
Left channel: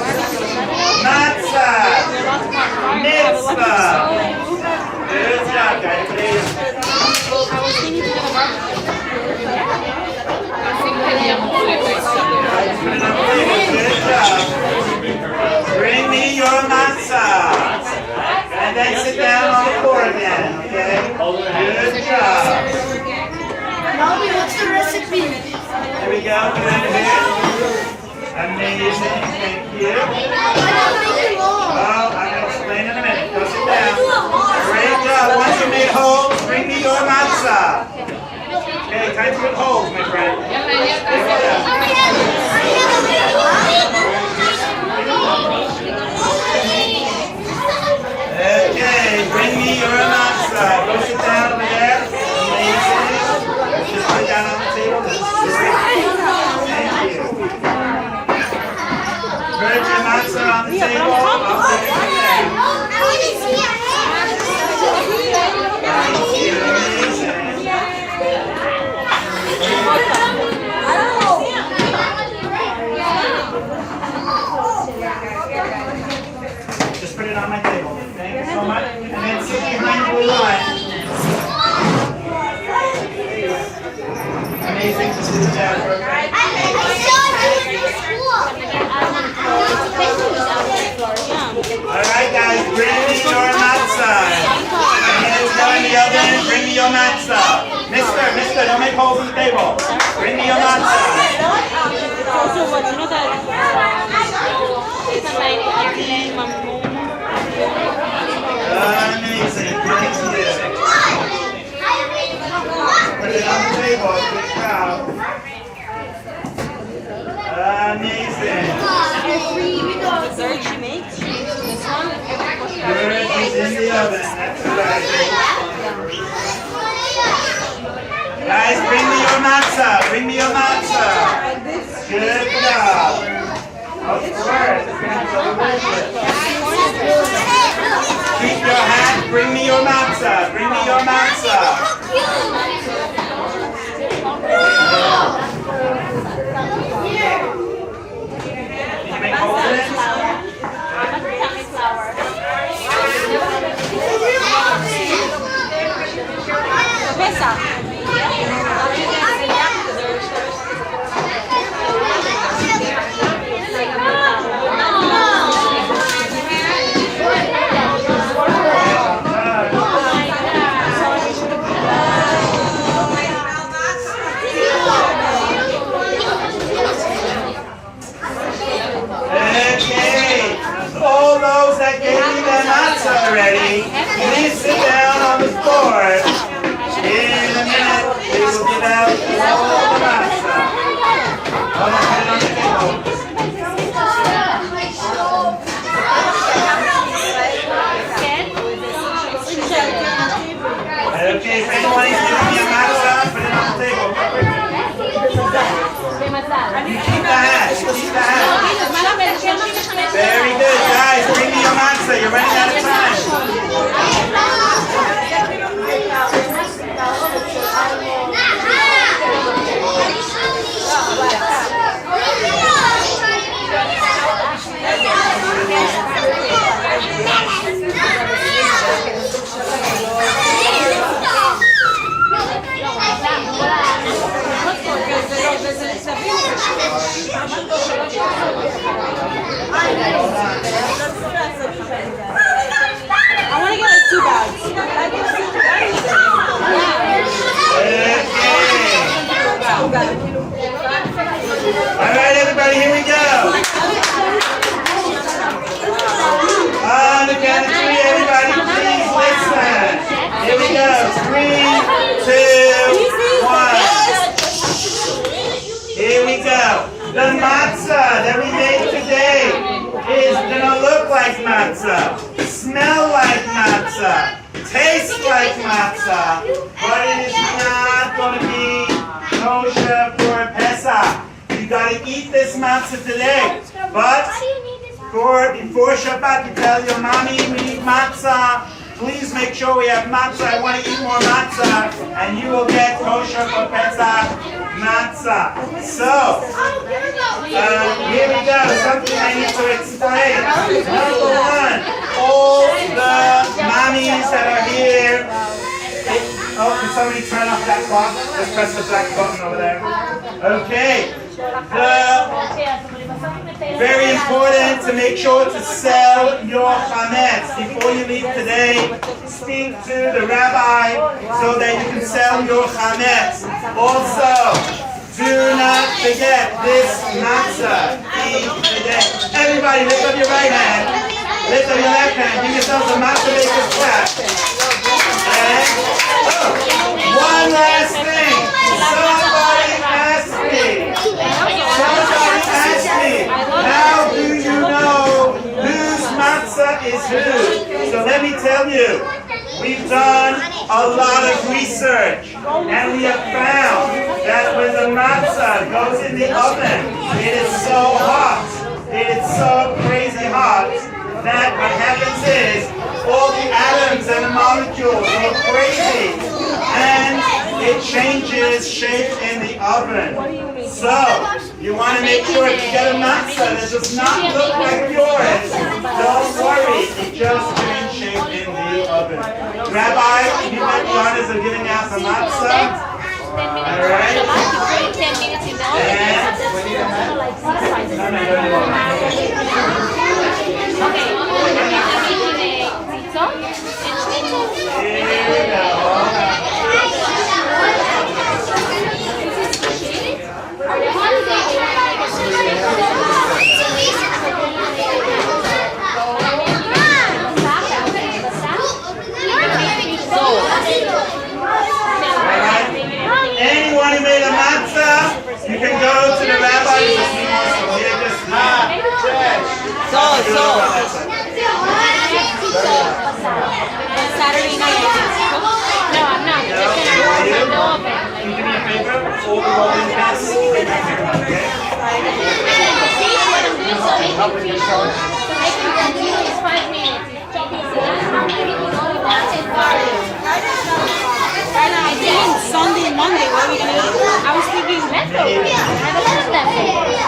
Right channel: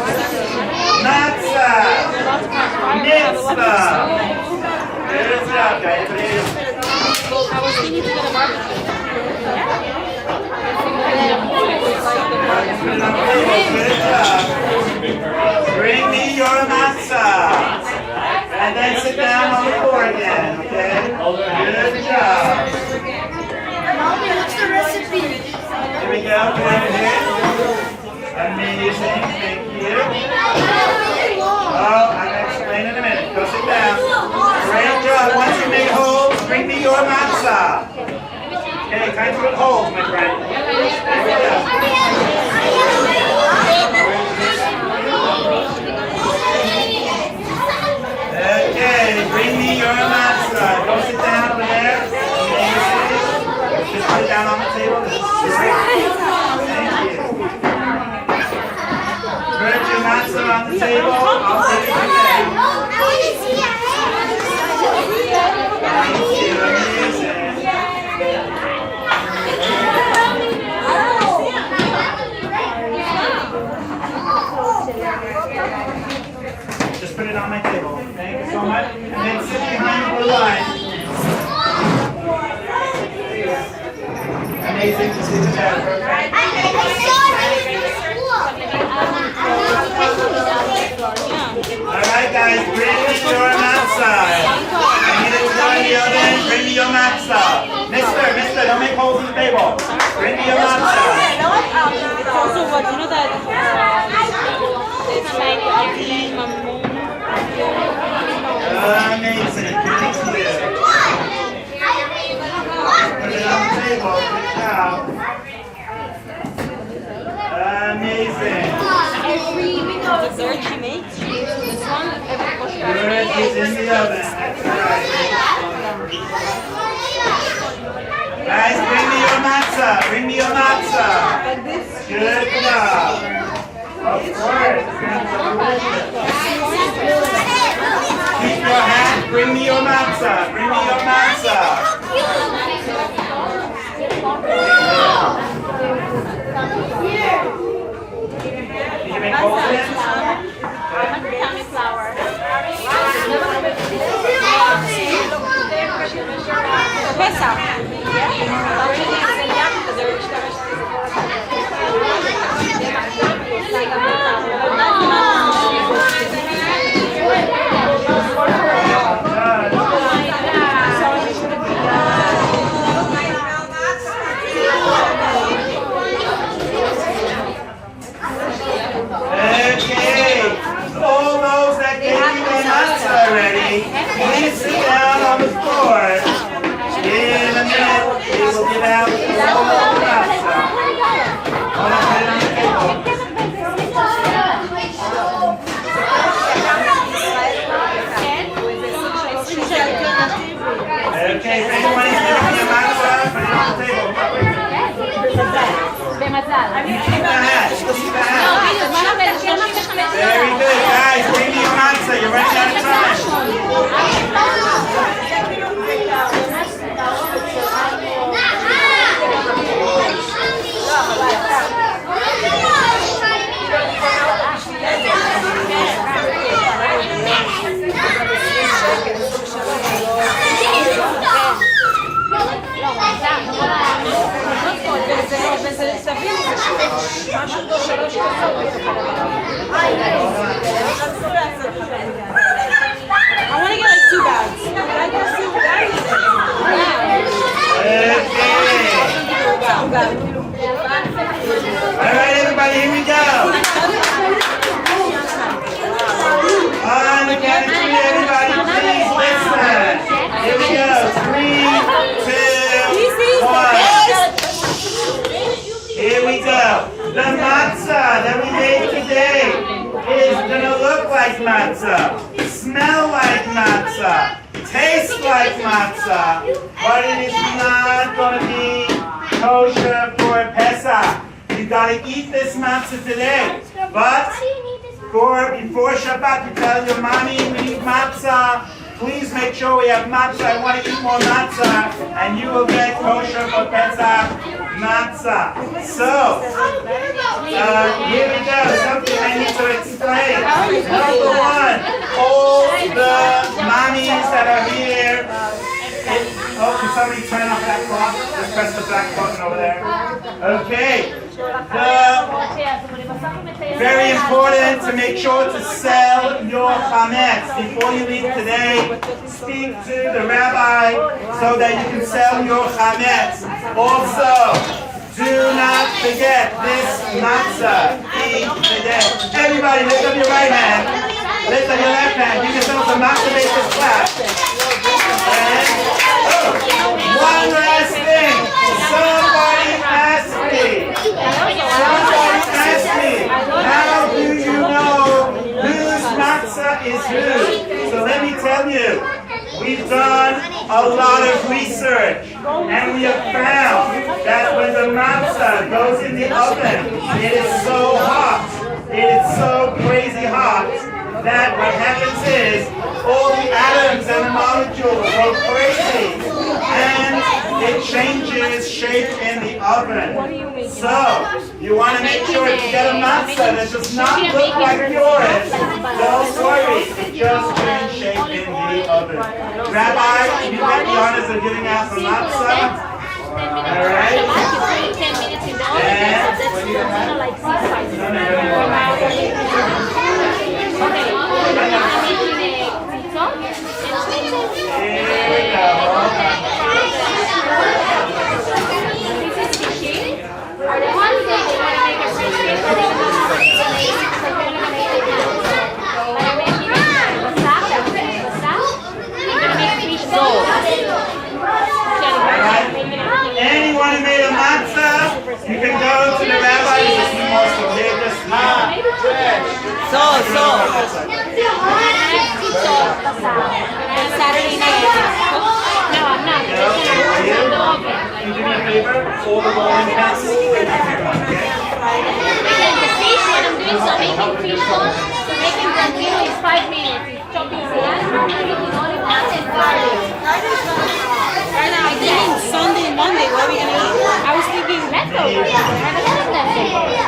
Matzah. Mitzvah. Good job, guys. I was thinking to get a barbecue. Good job. Bring me your matzah. And then sit down on the floor again, okay? Good job. Mommy, what's the recipe? Here we go. Come over here. Amazing. Thank you. Oh, I'm going to explain in a minute. Go sit down. Great job. Once you made holes, bring me your matzah. Okay, time to put holes, my friend. Here we go. Okay, bring me your matzah. Go sit down over there. Amazing. Just put it down on the table. This is great. Thank you. Put your matzah on the table. I'll take it again. I want to see your Just put it on my table. Thank you so much. And then sit behind the blue line. Amazing to see you there. I saw it in school. Alright guys, bring me your matzah. I'm going to go in the oven. Bring me your matzah. Mister, don't make holes in the table. Bring me your matzah. It's also what, you know that it's like Amazing. Thank you. Put it on the table. Good job. Amazing. dessert she makes. She makes this one. Every Good is in the oven. That's right. Guys, bring me your matzah. Bring me your matzah. Good job. Of course. Keep your hand. Bring me your matzah. Bring me your matzah. Can you make holes in it? Pesa. Okay, all those that gave me their matzah already, please sit down on the floor. In a minute, we will get out all of the matzah. All that right on the table. Okay, if anyone needs to give me a matzah, put it on the table. You keep the hat. You keep the hat. Very good, guys. Bring me your matzah. You're running out of time. I want to get like 2 bags. All right, everybody, here we go. On the count of 3, everybody, please listen. Here we go. 3, 2, like matzah, smell like matzah, taste like matzah, but it is not going to be kosher for Pesach. You got to eat this matzah today. But before Shabbat, you tell your mommy we need matzah. Please make sure we have matzah. I want to eat more matzah, and you will get kosher for Pesach matzah. So, here we go. Something I need to explain. Number one, all the mommies that are here. Can somebody turn off that clock? Just press the black button over there. Okay. Very important to make sure to sell your chametz. Before you leave today, speak to the rabbi so that you can sell your chametz. Also, do not forget this matzah. Eat today. Everybody, lift up your right hand. Lift up your left hand. Give yourselves a Matzah Bakery clap. And, one last thing. Somebody asked me, how do you know whose matzah is whose? So let me tell you, we've done a lot of research, and we have found that when the matzah goes in the oven, it is so hot, it is so crazy hot, that what happens is all the atoms and the molecules go crazy, and it changes shape in the oven. So, you want to make sure if you get a matzah that does not look like yours, don't worry, it just changed shape in the oven. Rabbi, you get the honors of giving out the matzah. Alright? Anyone who made a matzah, you can go to the rabbi and just here, just And Saturday night you can cook? No, I'm not. Just gonna warm on the oven. Do me a favor, all the rolling pins, bring them here, okay? The fish, what I'm doing, so making people, making them little is 5 minutes. It's chopping salad, how many you only want and garlic. Right now I'm thinking Sunday, Monday, what are we gonna eat? I was thinking leftovers. I have a lot of leftovers.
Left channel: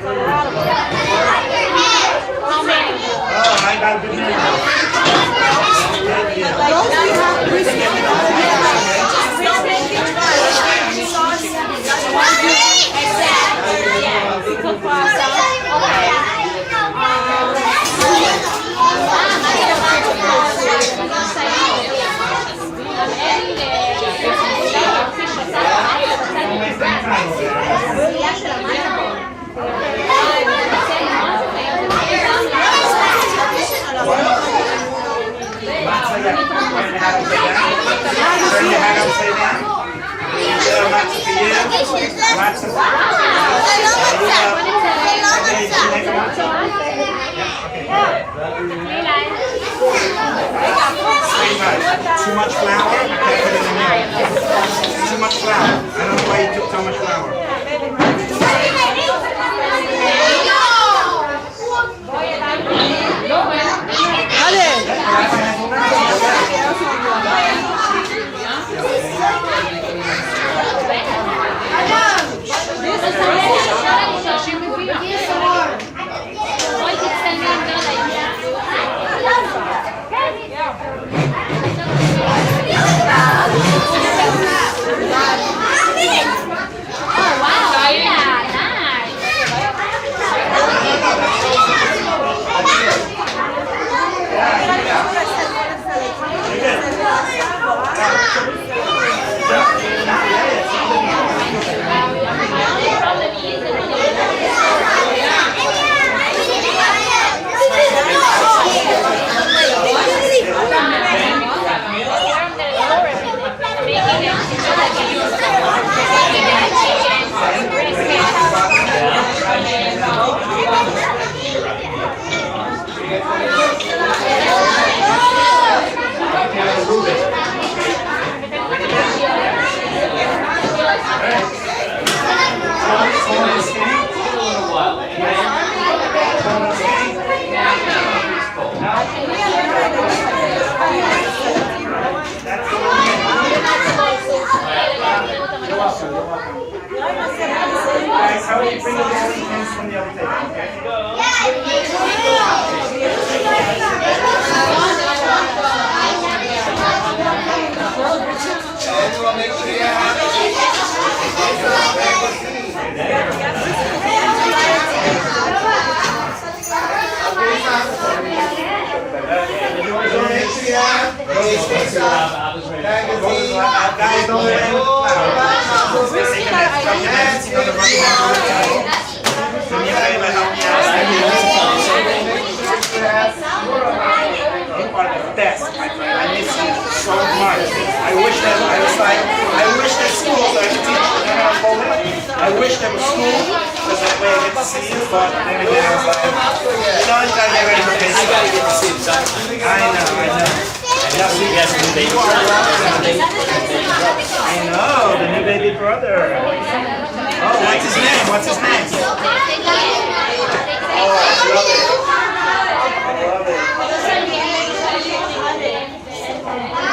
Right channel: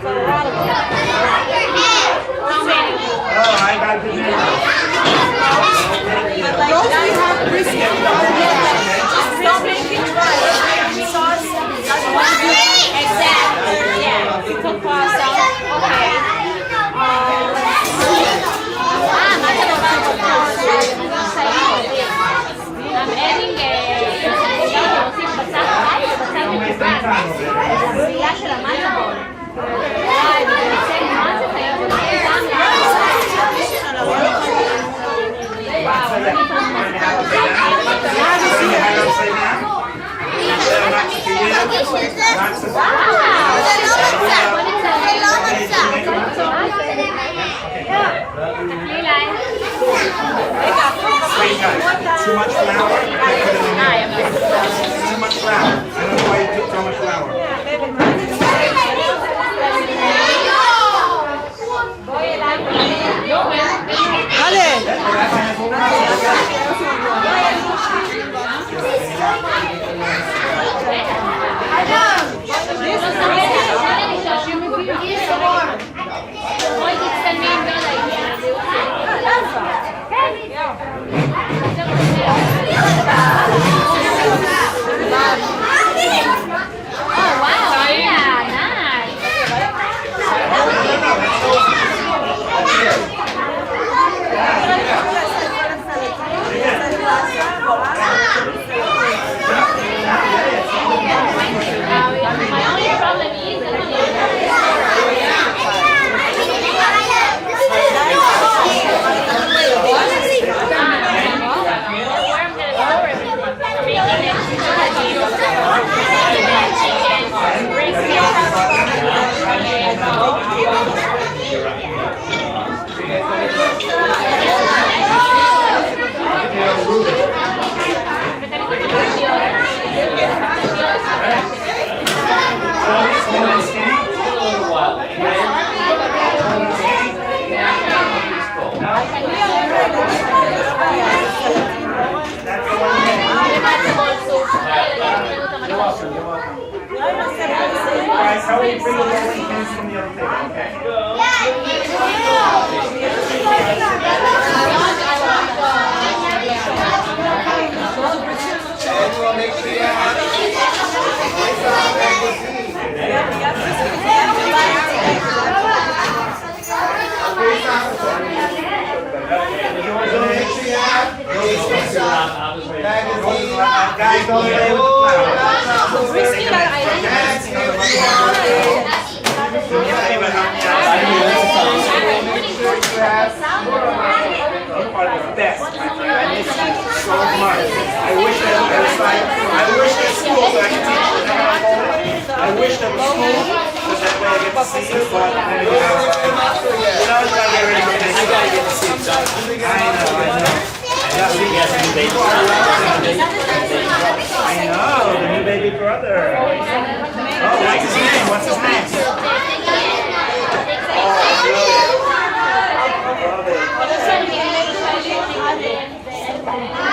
For a lot of them. How many? Oh, I got good news. Those we have brisket. Exactly. Yeah. We cook for ourselves. Okay. Too much flour? Too much flour. I don't know why you took so much flour. Someone stand? Guys, how will you bring the rolling pins from the other table, okay? Guys, don't play with the flowers. Best. I miss you so much. I wish that school so I could teach you. I wish there was school because that way I get to see you, but then again, I gotta get to see him. I know. The new baby brother. Oh, that's his name. What's his name? Oh, I love it. I love it.